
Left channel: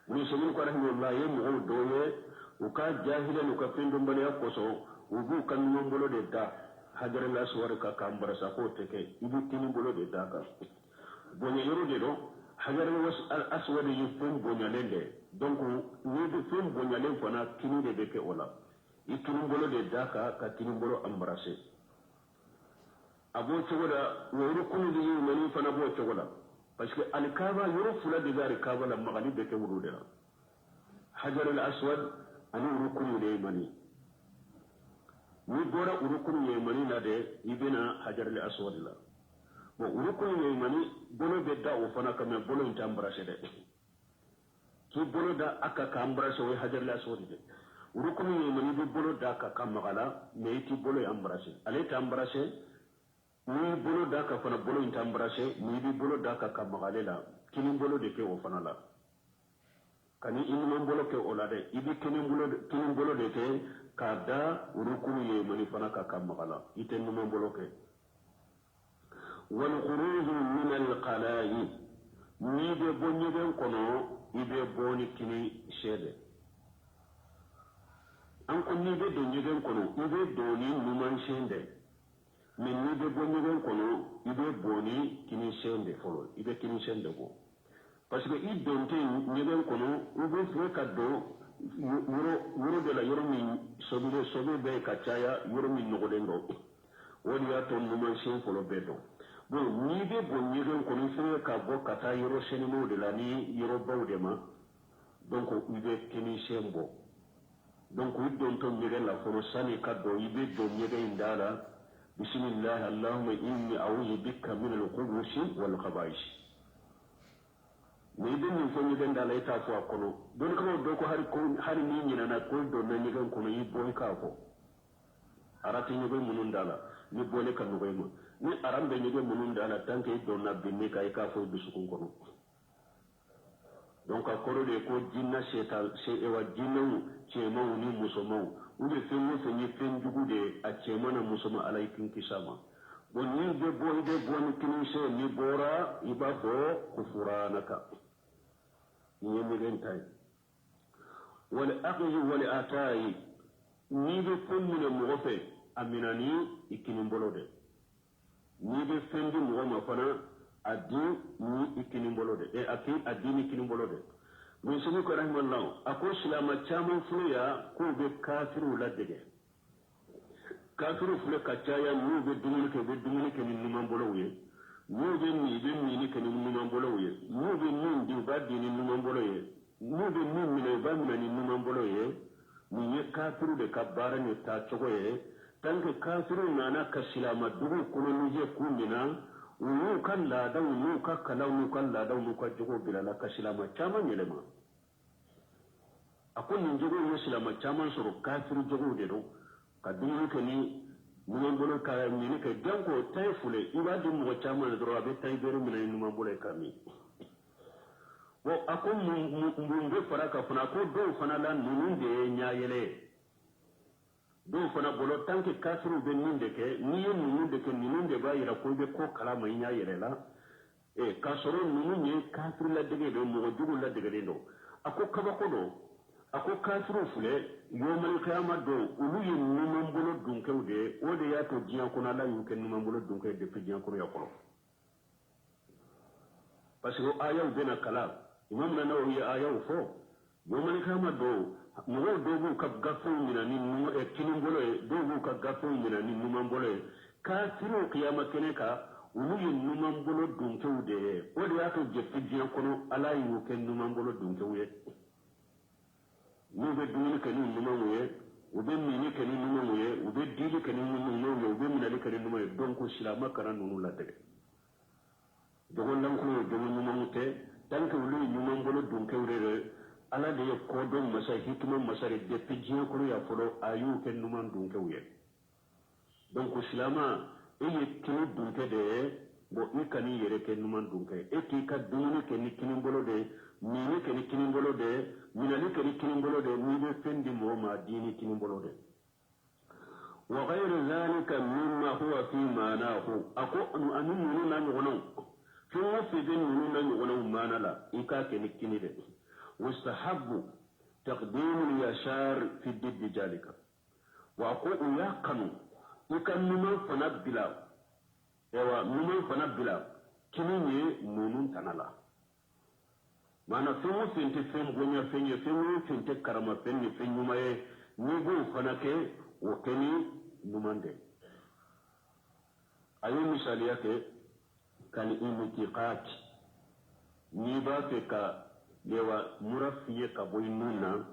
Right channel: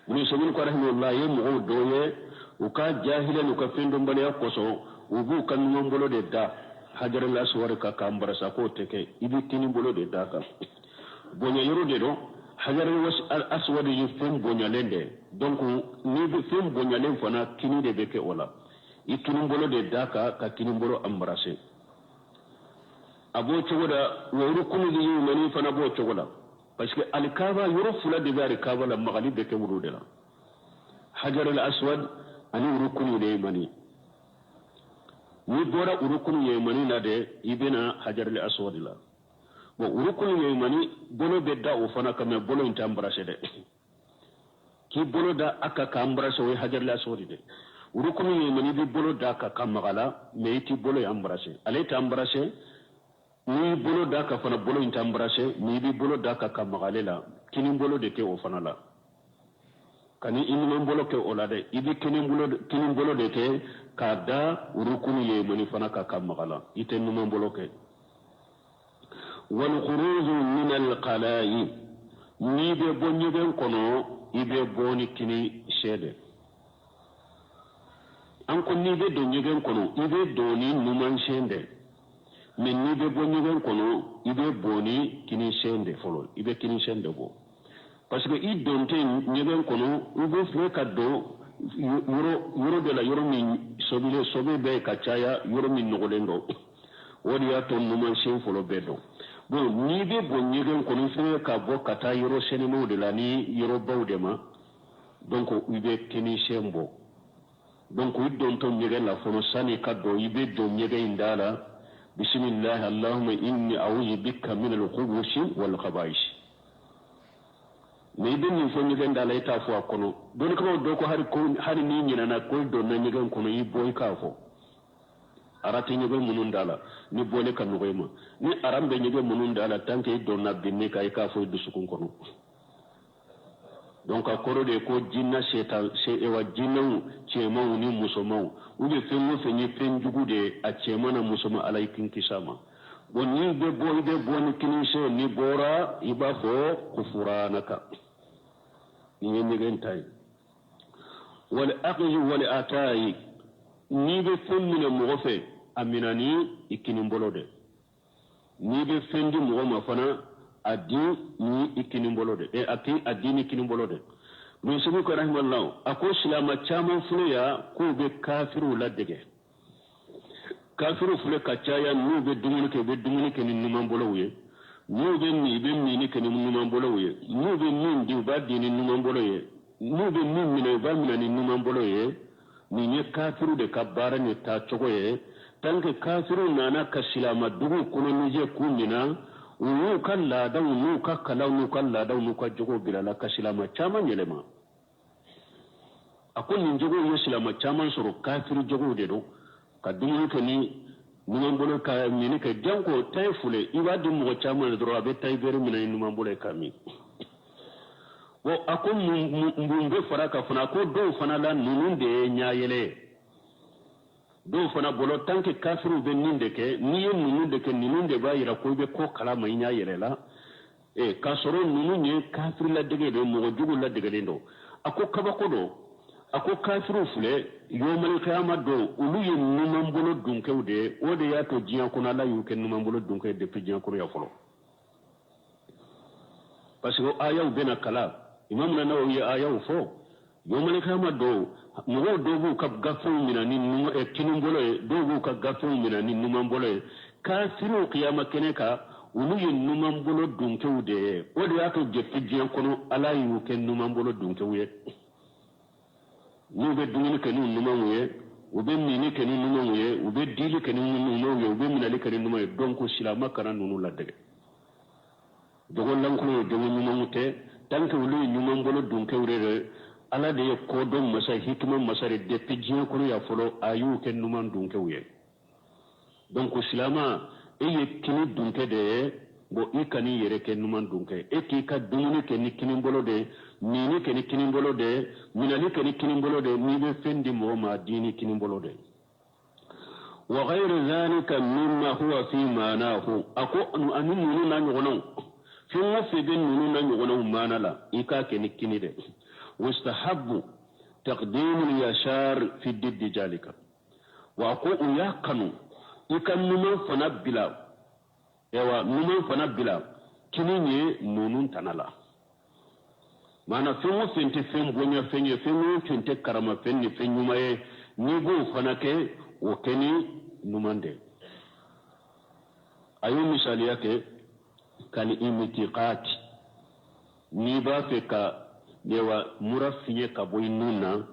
ni somin ko rahimullah ye mo doye o ka jahilan ko fendo mbale yakoso ubu kan mo bolo de da hajar al aswad ka embrasser ko teke ibe kini bolo de daka bonya yoro de do hajar al aswad yu fem bonya lende donc ni be fem bonya len fana kini de beke ola ikini bolo de daka ka kini bolo embrasser abo chogoda woro kunu di mani fana bo chogoda parce que al-kaaba yoro fula de bari kaaba la magali de ke wurude la hajar al-aswad ani rukunu de mani ni bora rukunu ye mani na de ibena hajar al-aswad la bo rukunu ye mani bolo be da o fana kama bolo inta embrasser de ki bolo da aka ka embrasser o hajar al-aswad de rukunu ye mani bi bolo da aka ka magala me iti bolo embrasser ale ta embrasser ni bolo da ka fana bolo inta embrasser ni bi bolo da ka magalela kini bolo de ke o fana la kani imi bolo ke o la de ibi kini bolo de ke ka da rukunu ye mani fana ka magala ite numa bolo ke wal khuruj min al qala'i ni be bonyo ben kono ibe boni kini shede an ko ni be donyo ben kono ibe doni numan shende men ni be bonyo ben kono ibe boni kini shende folo ibe kini shende go parce que i donte nyeben kono ibe fle kaddo yoro de la yoro min sobe be kachaya yoro min nogolendo wodi ya to numan shen folo bedo bon ni be bonyo ben kono fle ka bo kata yoro senemo de la ni yoro bawdema donc ibe kini shembo donc i donto nyegen la folo sani kaddo ibe do nyegen indala بسم الله اللهم إني أعوذ بك من الخبث والخبائث mais ben ni fo nyigen da lay ta fo kono don ko do ko hari ni nyina na ko do na nyigen kono yi boy ka fo arati nyigen munun dala ni bole kan no ma ni arambe nyigen munun dala tanke do na binne kay ka fo du sukun kono donc akoro de ko jinna setan se e wa jinnu chema ni musomo ube fengo fenye penjugu de a chema na musomo alaikin kisama bon ni be bo ni kinise ni bora iba fo kufuranaka ni nyen tay wal aqli wal atai ni be fenni mo gofe aminani ikini bolode ni be fendi mo ma fana adi ni ikini bolode e ati adini ikini bolode min subu ko rahmallahu ako silama chaman fuya ko be kafiru ladege kafiru fule kachaya nu be dumuni ke ni numan bolowe nu be ni ke ni numan bolowe nu be ni di ba di ni numan bolowe nu be ni ba ni numan bolowe ni ne kafiru de kabara ne ta chogoye tanke kafiru nana ka silama dugu kono ni je kunina unu kala da unu ka kala unu kala da unu ka jogo bilala ka silama chaman yelema akon ni jogo yo silama chaman soro kafiru jogo de do ka dumu ke ni numan bolo ka ni ke janko tay fule iba dum mo chaman do abe tay bere mina numan bolo ka mi wo akon mbumbe faraka fana ko do fana la nunun de nyaayele do fana bolo tanke kafiru be ninde ke ni nunun de ke nunun de ba yira ko be ko kala mai nyaayele la e ka soro nunun ne kafiru la dege de mo jugu la dege do ako kabako do ako kafiru fule yomal kiyama do ulu ye numan bolo dunkewde o de ya to jiyan kuna la yu ken numan bolo dunke de pijiyan kuru ya folo parce que ayaw bena kala imam na nawo ye ayaw fo yomal kiyama do mo do bu ka gafu mina ni numo e kinum bolo e do bu ka gafu mina ni numan bolo e kafiru kiyama keneka ulu ye numan bolo dunkewde o de ya to je pijiyan kunu ala yu ken numan bolo dunkewde ni be dumuni ke ni numan ye o be mini ke ni numan ye o be dili ke ni numan ye o be minali ke ni numan ye donc silama kana nunu la dege dogon lan ko jogi numan te tanke wulu nyuman bolo dunke wurere ala de ye kodon masa hikima masare depuis jiya kuru ya folo ayu ken numan dunke wuye donc silama ye kini dunke de bo ikani yere ken numan dunke ki ka dumuni ken ni kini bolo de ni ken ni kini bolo de minani ken ni kini bolo de ni be fendi mo ma dini kini bolo de wa ghayru zalika mimma huwa fi manahu ako anu nunu na nyono fi mo fi ben nunu na nyono manala ika ken ni kini de واستحب تقديم اليسار في ضد ذلك وأقول يكنو يكنو فنبلا ايوا نمو فنبلا كنيني نونون تنالا mana fengo fente fen bonya fenye fengo fente karama fenye fenyu maye nigo fanake o keni numande ayo misali yake kani imitiqat ni ba fe ka dewa murafiye ka boy nuna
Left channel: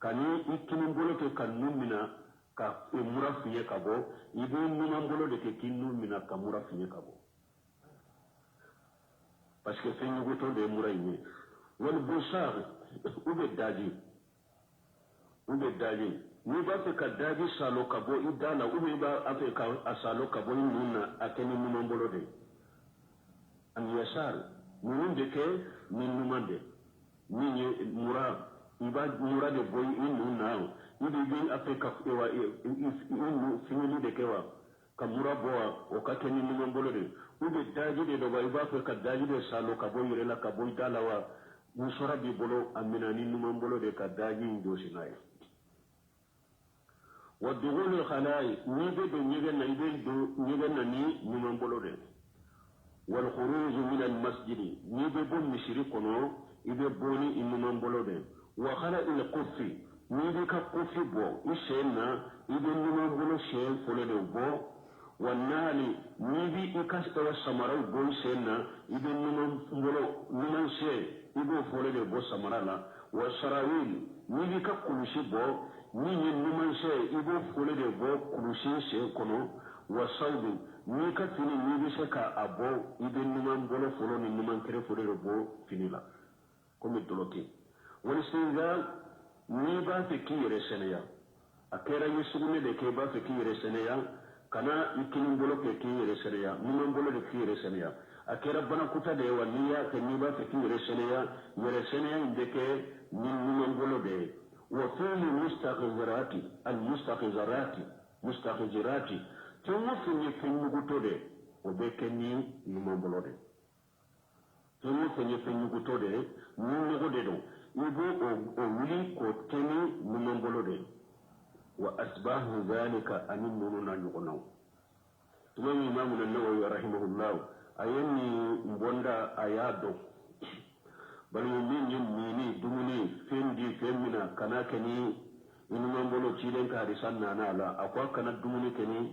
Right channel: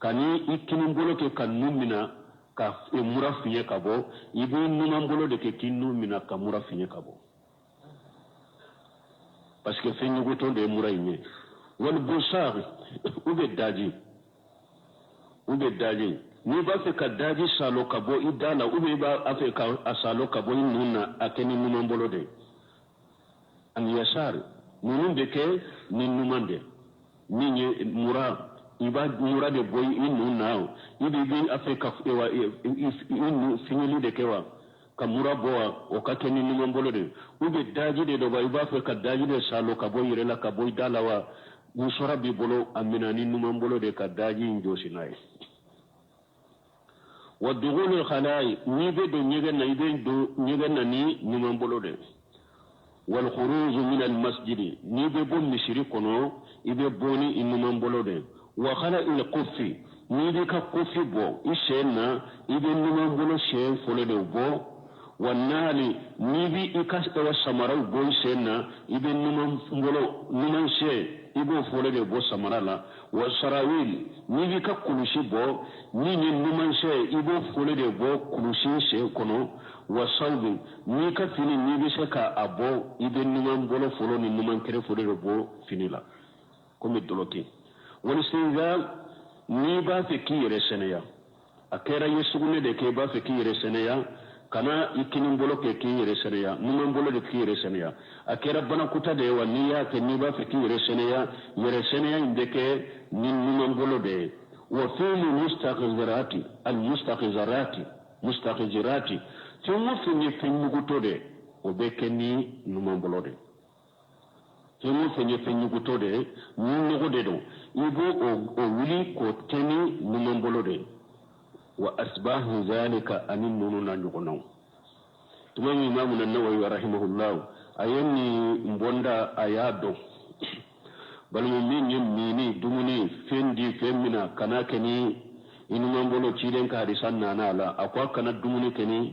kani ikini mbolo ke kan numina ka murafiye ka bo ibu nuna mbolo de ke kin numina ka murafiye ka bo parce que fenye goto de murayne wal busari ube daji ni ba fe ka daji salo ka bo idala ube ba afe ka asalo ka bo nuna akeni nuna mbolo de an yasar nunun de ke ni numande ni mura iba mura de boy inu now ibi bi afrika ewa inu finili de kewa ka mura boa o ka keni ni mbolo de ube daji de do ba iba afrika daji de salo ka boy rela ka boy dalawa musora bi bolo amina ni nu mbolo de ka daji njosi nay wa dughul al khalai ni be do nyega na ibe do nyega na ni nu mbolo de wal khuruj min al masjid ni be bon misiri kono ibe boni innu mbolo de wa khala il qufi ni be ka qufi bo ishena ibe nu mbolo she fole de bo wa nali ni bi ikas wa samara bo ishena ibe nu mbolo nu she ibe fole de bo samara la wa sarawil ni bi ka kulushi bo ni nu she ibe fole de bo kulushi she kono wa salbi ni ka fini ni bi se ka abo ibe numan bolo folo ni numan kere folo de bo finila comme doloki wal sinzal ni ba fe ki yere seneya akera yesugune de ke ba fe ki yere seneya kana ikini bolo ke ki yere seneya numan bolo de ki yere seneya akera bana kuta de wa ni ya ke ni ba fe ki yere seneya inde ke ni numan bolo de wa fi mustaqizarati al mustaqizarati tumu fenye fenyuguto de obeke ni numambolo de tumu fenye fenyuguto de nunugo de do ibo o wili ko teni numambolo de wa asbahu zalika anin nununa nyugono tumani imamu an-Nawawi rahimahullah ayani mbonda ayado balu mini dumuni fendi femina kanakeni inumambolo chilen ka hadisan nana akwa kana dumuni keni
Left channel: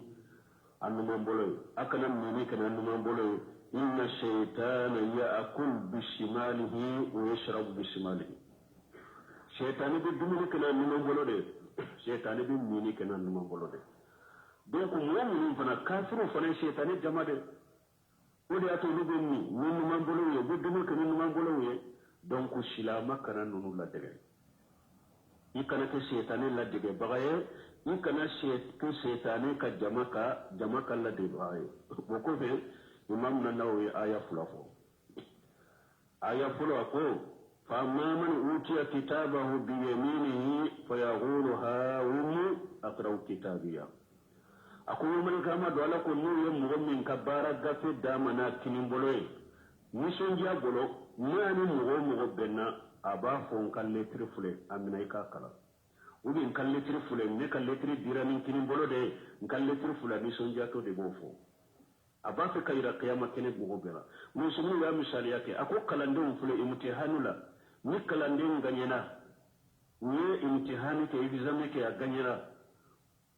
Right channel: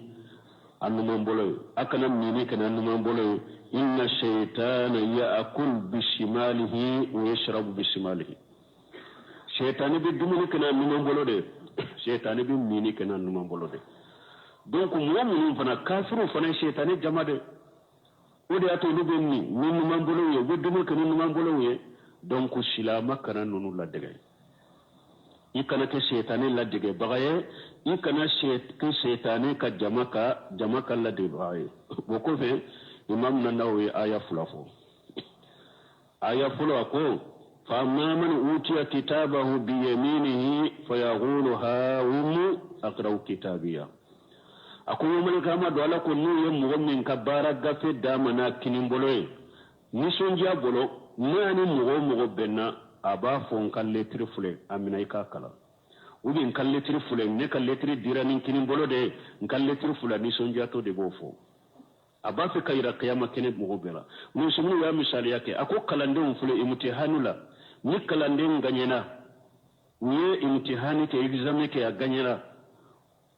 annumambolo akana mini kana annumambolo inna shaytana ya'kul bishimalihi wa yashrabu bishimalihi shaytani bi dumuni kana annumambolo de shaytani bi mini kana annumambolo de donc mu'minun fana kafiru fana shaytani jamade ode ato ni benni ni numambolo ye be dumuni kana numambolo ye donc silama kana nunu la dege ikana ke shaytani la dege bagaye ikana ke shaytani ka jamaka la dege bagaye boko fe imam Nawawi aya fulafo ako fa man utiya kitabahu bi yaminihi fayaqulu ha aqra'u kitabiya ako man kama do ala ko ni yem mo min kabara gafe damana kinimbolo ni sonja bolo nani mo benna aba fon kan lettre fule amina ika kala ubi kan lettre fule ne kan lettre dirani kinin bolo de kan lettre fule ni sonja to de bofo aba fe kayra qiyamah kene mo bela mun sunu ya misali yake ako kalande fule imtihanula ni kalande nganyena ni imtihani ke examen ke aganyera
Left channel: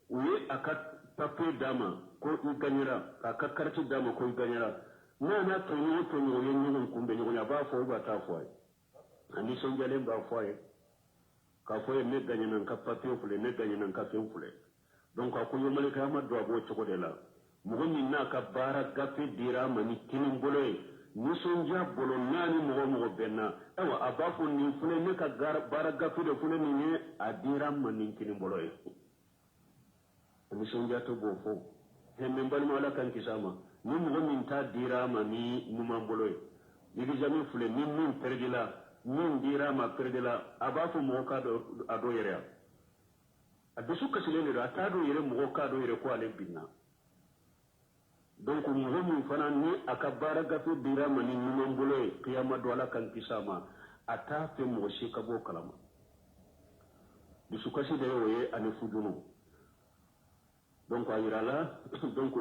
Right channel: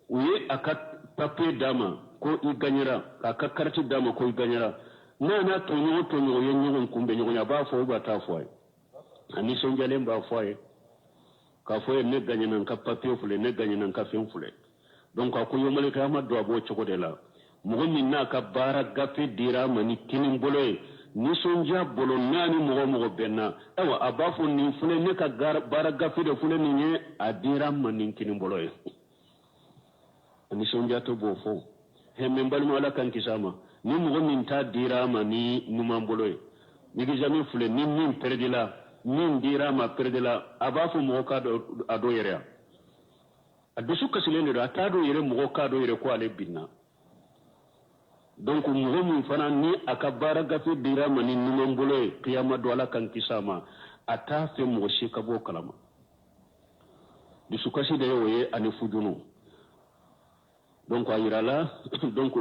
uye akat papier dama ko i ganyera aka karti dama ko i ganyera na tonyo yenyo kumbe nyonya ba fo ba ta fo ani sonjalen ba foye ka foye ne ganya nan ka papier fule ne ganya nan ka fen fule donc ko yomale ka ma do abo choko de la mo min na ka bara gafe dira mani kinin boloy ni sonja bolo nani mogo benna awa abafu ni fune ne ka bara gafi de fune ni nye adira manin kini bolo ye ni sonja to bofo he membal mo ala kan kisama ni mogo min ta dira mani numan bolo ye ni gijami fule ni min perdila min dira ma perdila abafu mogo ka ado yere adusu kasilende do atado yere mogo ka do yere ko ale binna donc mogo min fana ni aka bara gafe dira mani numan bolo ye qiyama do ala kan kisama ata fe mogo shi ka bo kalama dusu kasi de yoye ani fujunu donc ayirala donc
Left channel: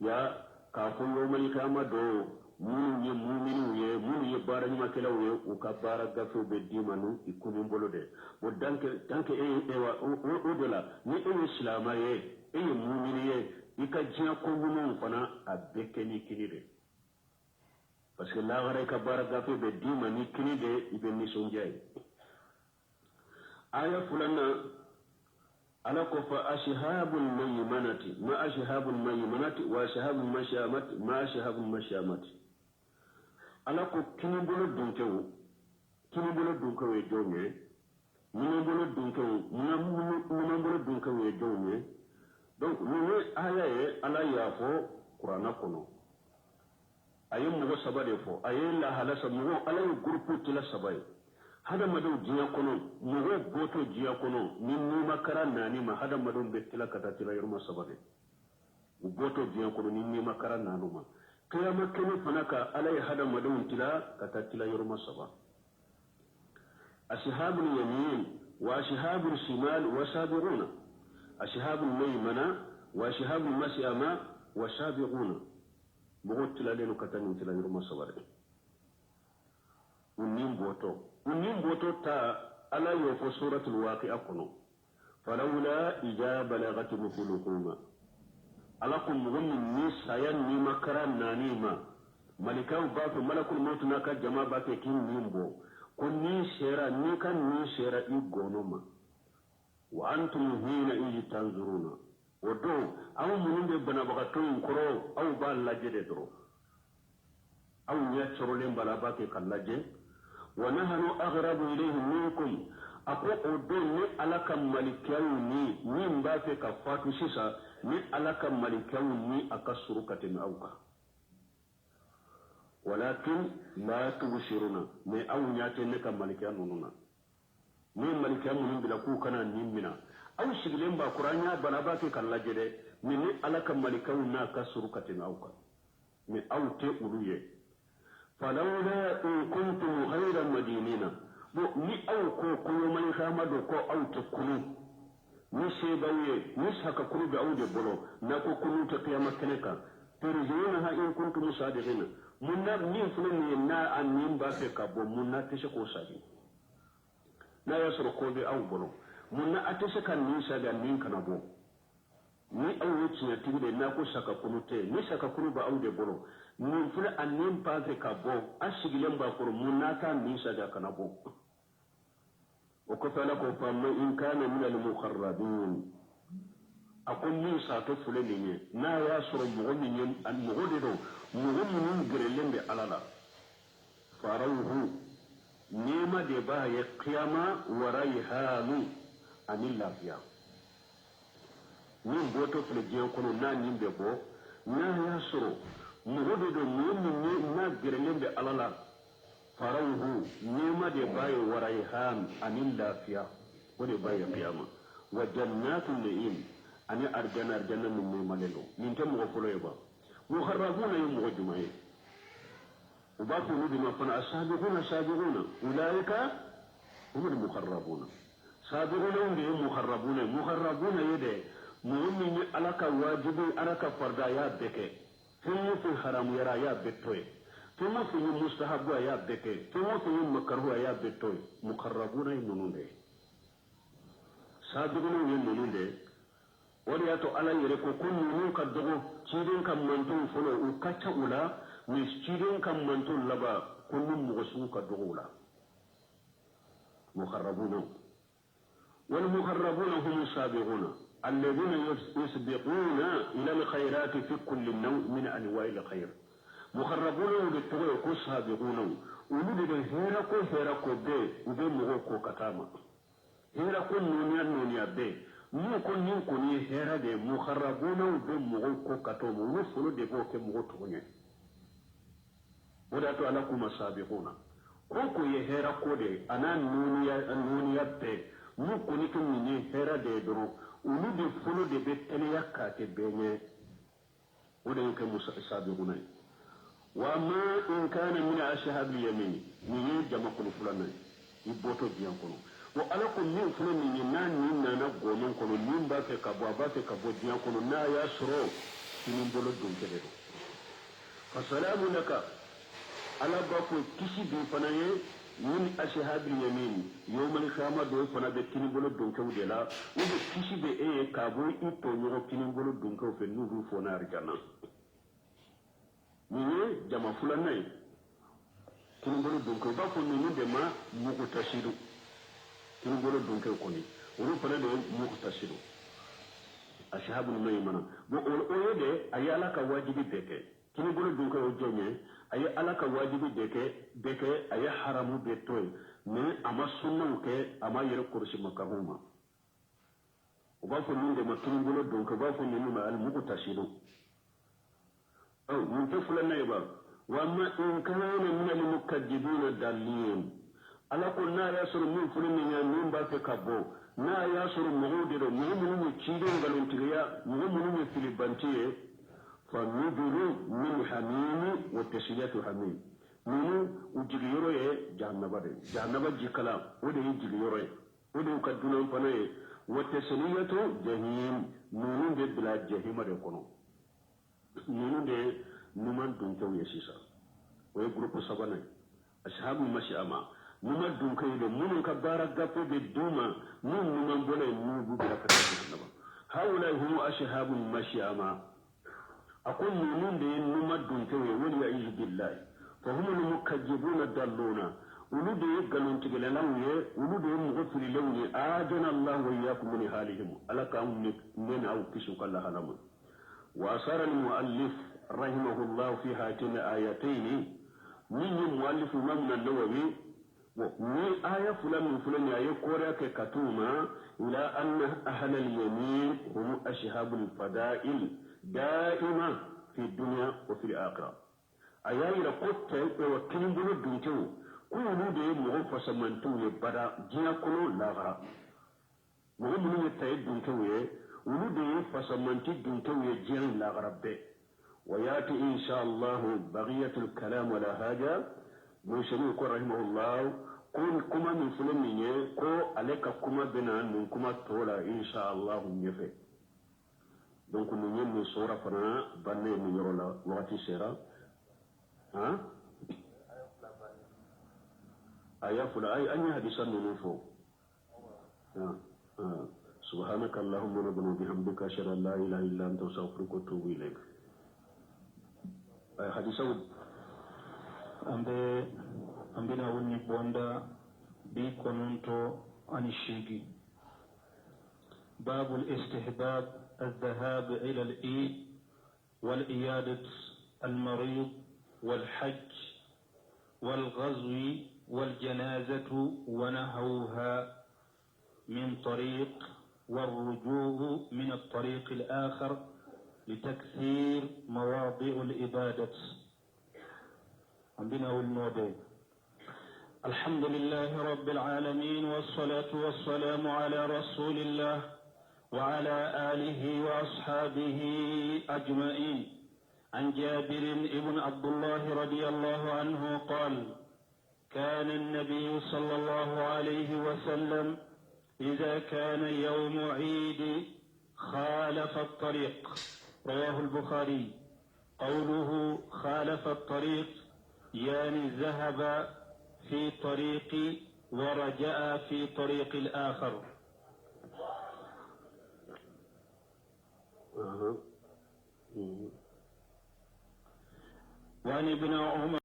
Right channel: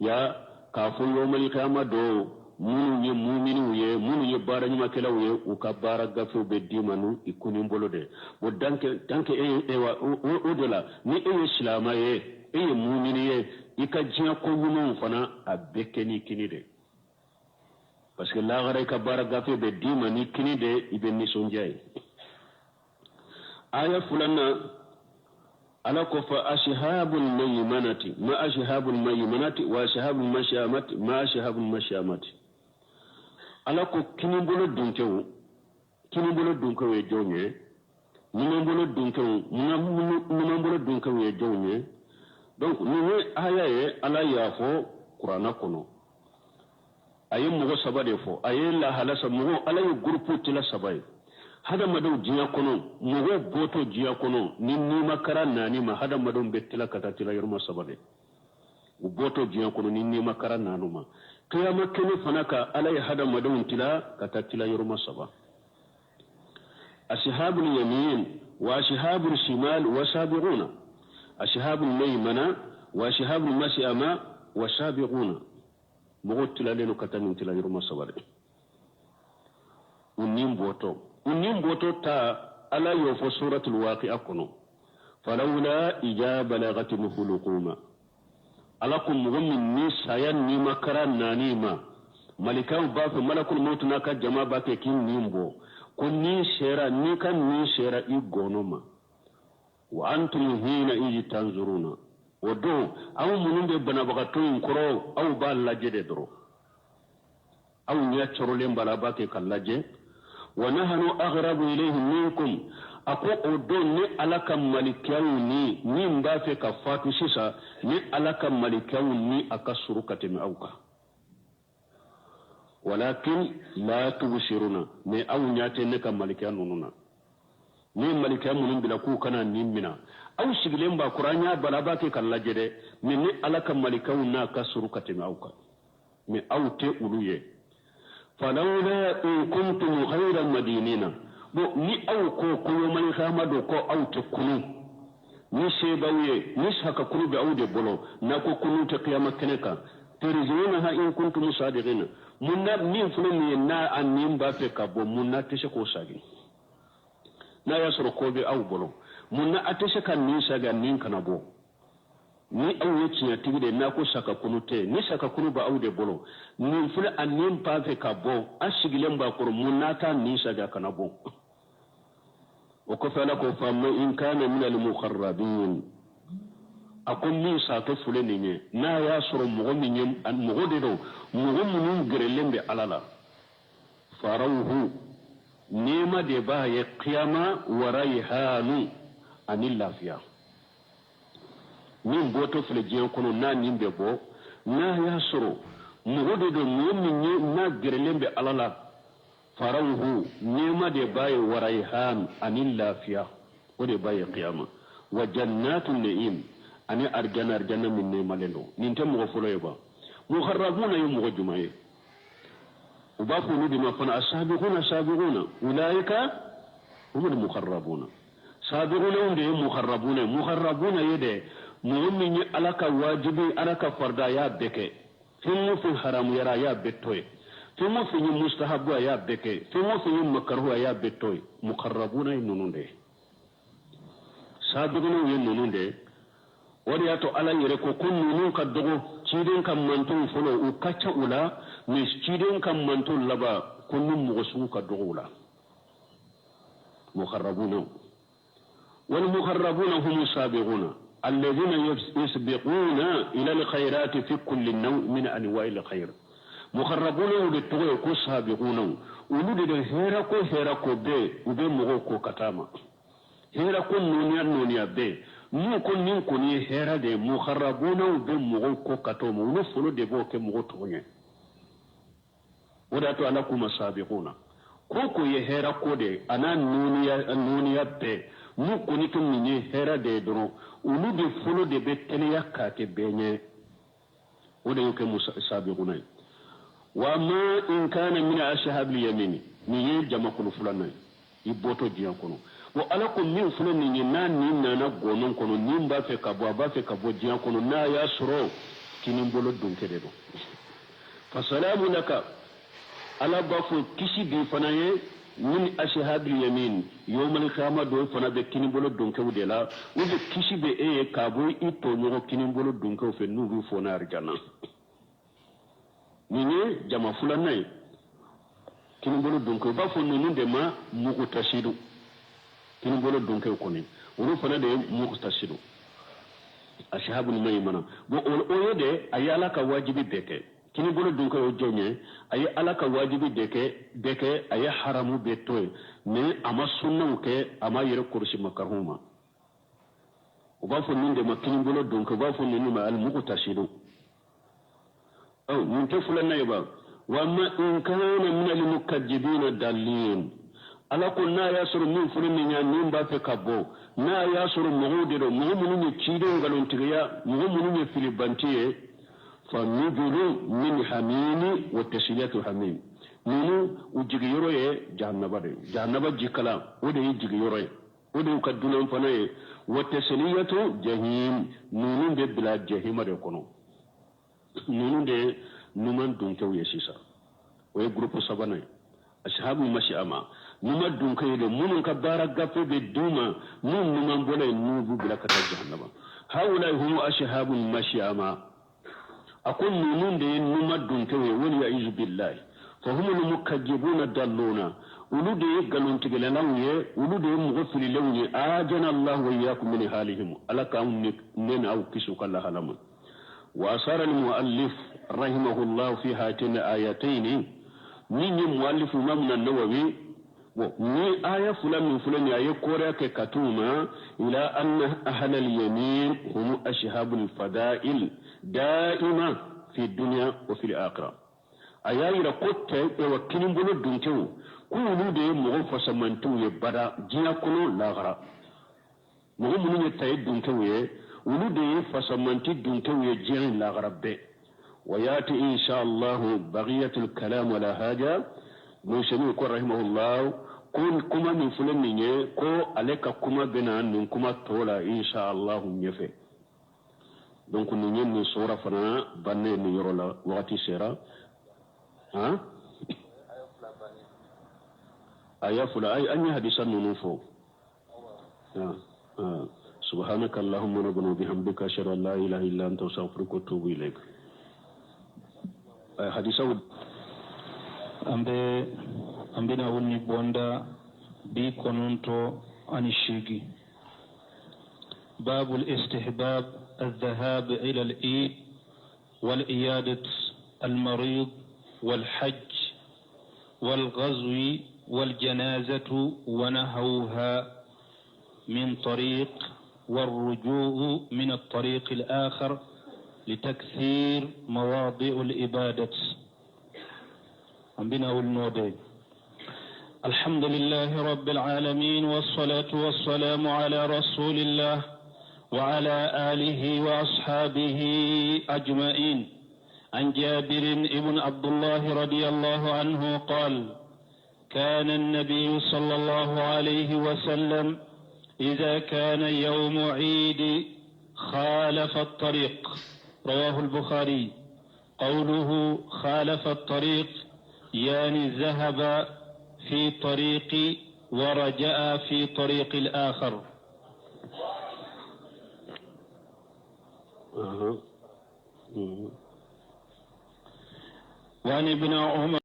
ya ka fo yomal qiyama do munu ye muminu ye munu ye bara nyima kela ye u ka bara gafe be dimanu ikuni bolo de bo danke o dola ni islama ye mumini ye ika jiya ko yunu fana a bekeni kini de parce que la gara ka bara gafe be dimani kini de ibe ni sonjay aya fulana ala ko fa ashabul maymanati ma ashabul maymanati wa ashabul mashamati ma ashabul mashamati ala ko kini bolo dunkewu e jonye ni bolo dunkewu e jonye donc ni aya ye ala ya fo qur'ana kono ayi mugo sabade fo ayi la halasa mugo ala ye groupe tila sabaye hada madu jiya kono mugo boto jiya kono ni makara nani ma hada madu betila kata tila yorma sabade u boto jiya kono ni makara nanuma qiyama kene fanaka ala ye hada madu tila kata tila yorma saba ashabul yamin wa ashabul shimal wa sabiquna أشهاب الميمنة وأشهاب المشأمة وسابقون بغوت لالين كتاني تلاني رما صبر ونيم بوتو تا ألا يوفو سورة الواقع كنو فلولا إجاب بلغت الحلقوم ألاكم مغمن نسايا نيما كران نانيما ملكان باف ملك الموت ناكا جما باكي كين نيمبو كن نيشيرا نيكا نيشيرا إيغونوما وأنتم هنا إيجي تنظرون ودو أو منون دي بنابغتون كرو أو بالاجي دي درو أو نياتشرو لين بلاباكي كاللاجي ونحن أغرب إليه منكم أكو أدو ني ألاكا ملكيو ني مبافي كفاتو سيسا ني ألاكا ملكيو ني أكسرو كتم أوكا ولكن لا تبشرون ني أو نياتي نكا ملكيو نونونا ni malika munun bila ku kana nimmina aw sigilen ba qur'anya balaba ke kala jede ni alaka malika na kasuru katima auka mi awte uluye falawla in kuntum khayra madinina bo ni aw ko malika mado ko awte kunu ni shebaye ni saka kunu da awde bolo na ko kunu ta qiyamah keneka terjuna in kuntum sadiqina munna ni fulani na annim ba fe ka bo munna tishe ko sagi na ya soro kobe aw bolo munna ateshe kan ni saga nin kana bo ni aw yeciya tigide na ko saka kunute ni saka kunu ba awde bolo ni fula annin pave ka bo asigilen ba ko munna ta ni saga kana bo o ko fala ko famma in kana min al mukharrabin akon ni sa to fule ni na ya soro mo min an mo de do mo min grelembe alala farawhu nema de ba ya qiyama wa rayhanu anil lafiya min boto fle je kono na nimbe bo na ya soro mugodo do min na gerelembe alala farawhu nema de ba ya wa rayhan anil lafiya o de ba ya qiyama wa jannatul na'im ani arjana min nema lelo nin tan mo folo yoba mukharrabuna yum jumaye وباقوا بما فنا السابقون أولئك هم المقربون سابقون هم مقربون يدي مؤمن علىك واجبي علىك فردا يا بك ثم في حرام يرى يا بتوي ثم في مستحب يا بك ثم في مكروه يا بتوي مقربون ينون دي سابقون ينون دي ورياتو على يركو كن نون كدغو تشيدين كم منتون فلو وكاتا أولا مسجدين كم منتون لبا كن مغسو كدغولا مخربون والمخربون هم السابقون الذين يسبقون إلى الخيرات في كل نوع من أنواع الخير muharrabuna de togo ko sabiquna ulu de hera ko be ube mogo ko katama hera ko noniya be mu ko nin ko ni hera de muharrabuna be mogo ko katomo ulu folo de bo ke mogo togonye wada to ala kuma sabiquna ko ye hera ko de ana noniya be mu ko ni tun ni hera de doro ulu de folo de be teliya ka ke benye wada yake musabiquna wa ma in kana min ashhab al-yamin ni ye jama kono fulana iboto diyan kono wa ala ko min fulana ni na gonon kono ni ba fe ka bo diyan kono na ya suro kinin bolo dun kede do fa salamu laka ala ba fo kisi bi fana ye min ashhab al-yamin yawm al-qiyamah do fana be kinin bolo dun ke wudela o be kisi be e ka bo ito nyogo kinin bolo dun ke fe nubu fo na arjana nini jama fulana ye kini bolo dunke ba fo nunu de ma muku tashidu kini bolo dunke koni uru fana de muku tashidu ashabu ni mai mana bo o de ayala ka wajibi beke kini bolo dunke o jonye ay ala ka wajibi beke ay haramu betoy ne ama sunna ke ama yere kursi makahuma o ba fo nunu de ma kini bolo dunke ba fo nunu ma al muku tashidu أو من طفل النيبة وما إن كان من المكذبين الضالين ألا قلنا ياسر من فلن ينين باتك أبو نا ياسر مغودر مغمون يكيدون غلون تغيا مغمون يفلبانتيه فنجل من حميم وتسلية حميم نونو وجيغيرو جهنم جيكلا ودي جيغيرو ودي يكدون فناي وتسلية جهيم نونو دي بلا جهيم ريكونو nunu de numan dunkew ye sisa o ye groupe sabana ashabu mashiama numa dunkew de munun ka bara gafe be duma nun numan bole nubu bila kata jahannama haula hum ashabu mashiama akun nunun de numa dunkew wali ya izu billahi fa hum al mukazzibuna dalluna ulu de galon tigele lawye ulu de mu gofri lawye ajana allah wa iyyakum min halihim alaka nena aw kisu kala halama وأشار المؤلف رحمه الله في هاتين آيتين من المؤلف من النووي من آية فلان من فلان آية كوريا كتوما إلى أن أهل اليمين هم أشهاب الفضائل دائما في الدنيا وفي الآخرة آية إلى قط وكلم بلو دونتو كل دي مغفص من تو يبدا جيا كنو لاغرا مغفص من يتايد دونتو ولدي فسمنتي دونتو يجري لاغربه وياتي ان شاء الله بقيه الكلام ولا حاجه موسى رحمه الله كون كما من فلان ني كو عليك كما بنا من كما تولا ان شاء الله نيفه دونك ني ني سوره فنا بني ني يرولا وقتي سيرا ها ايا فلا اي اني حديثا نوفو سبحانك اللهم ربنا وبحمدك اشهد ان لا اله الا انت استغفرك واتوب اليك حديث ambina wonni bonda bi kononto ani shigi باب الاستحباب الذهاب إلى الإيد والإيادة المريض والحج والغزو والجنازة ونحوها من طريق والرجوع من الطريق الآخر لتكثير مواضع الإبادة عندنا والنودي الحمد لله رب العالمين والصلاة والسلام على رسول الله وعلى آله وأصحابه أجمعين عن جابر بن عبد الله رضي الله عنه قال كان النبي صلى الله عليه وسلم إذا كان يوم عيد خالف الطريق رواه البخاري قوله خالف الطريق يعني ذهب في طريق ورجع في طريق الآخر وعن ابن عمر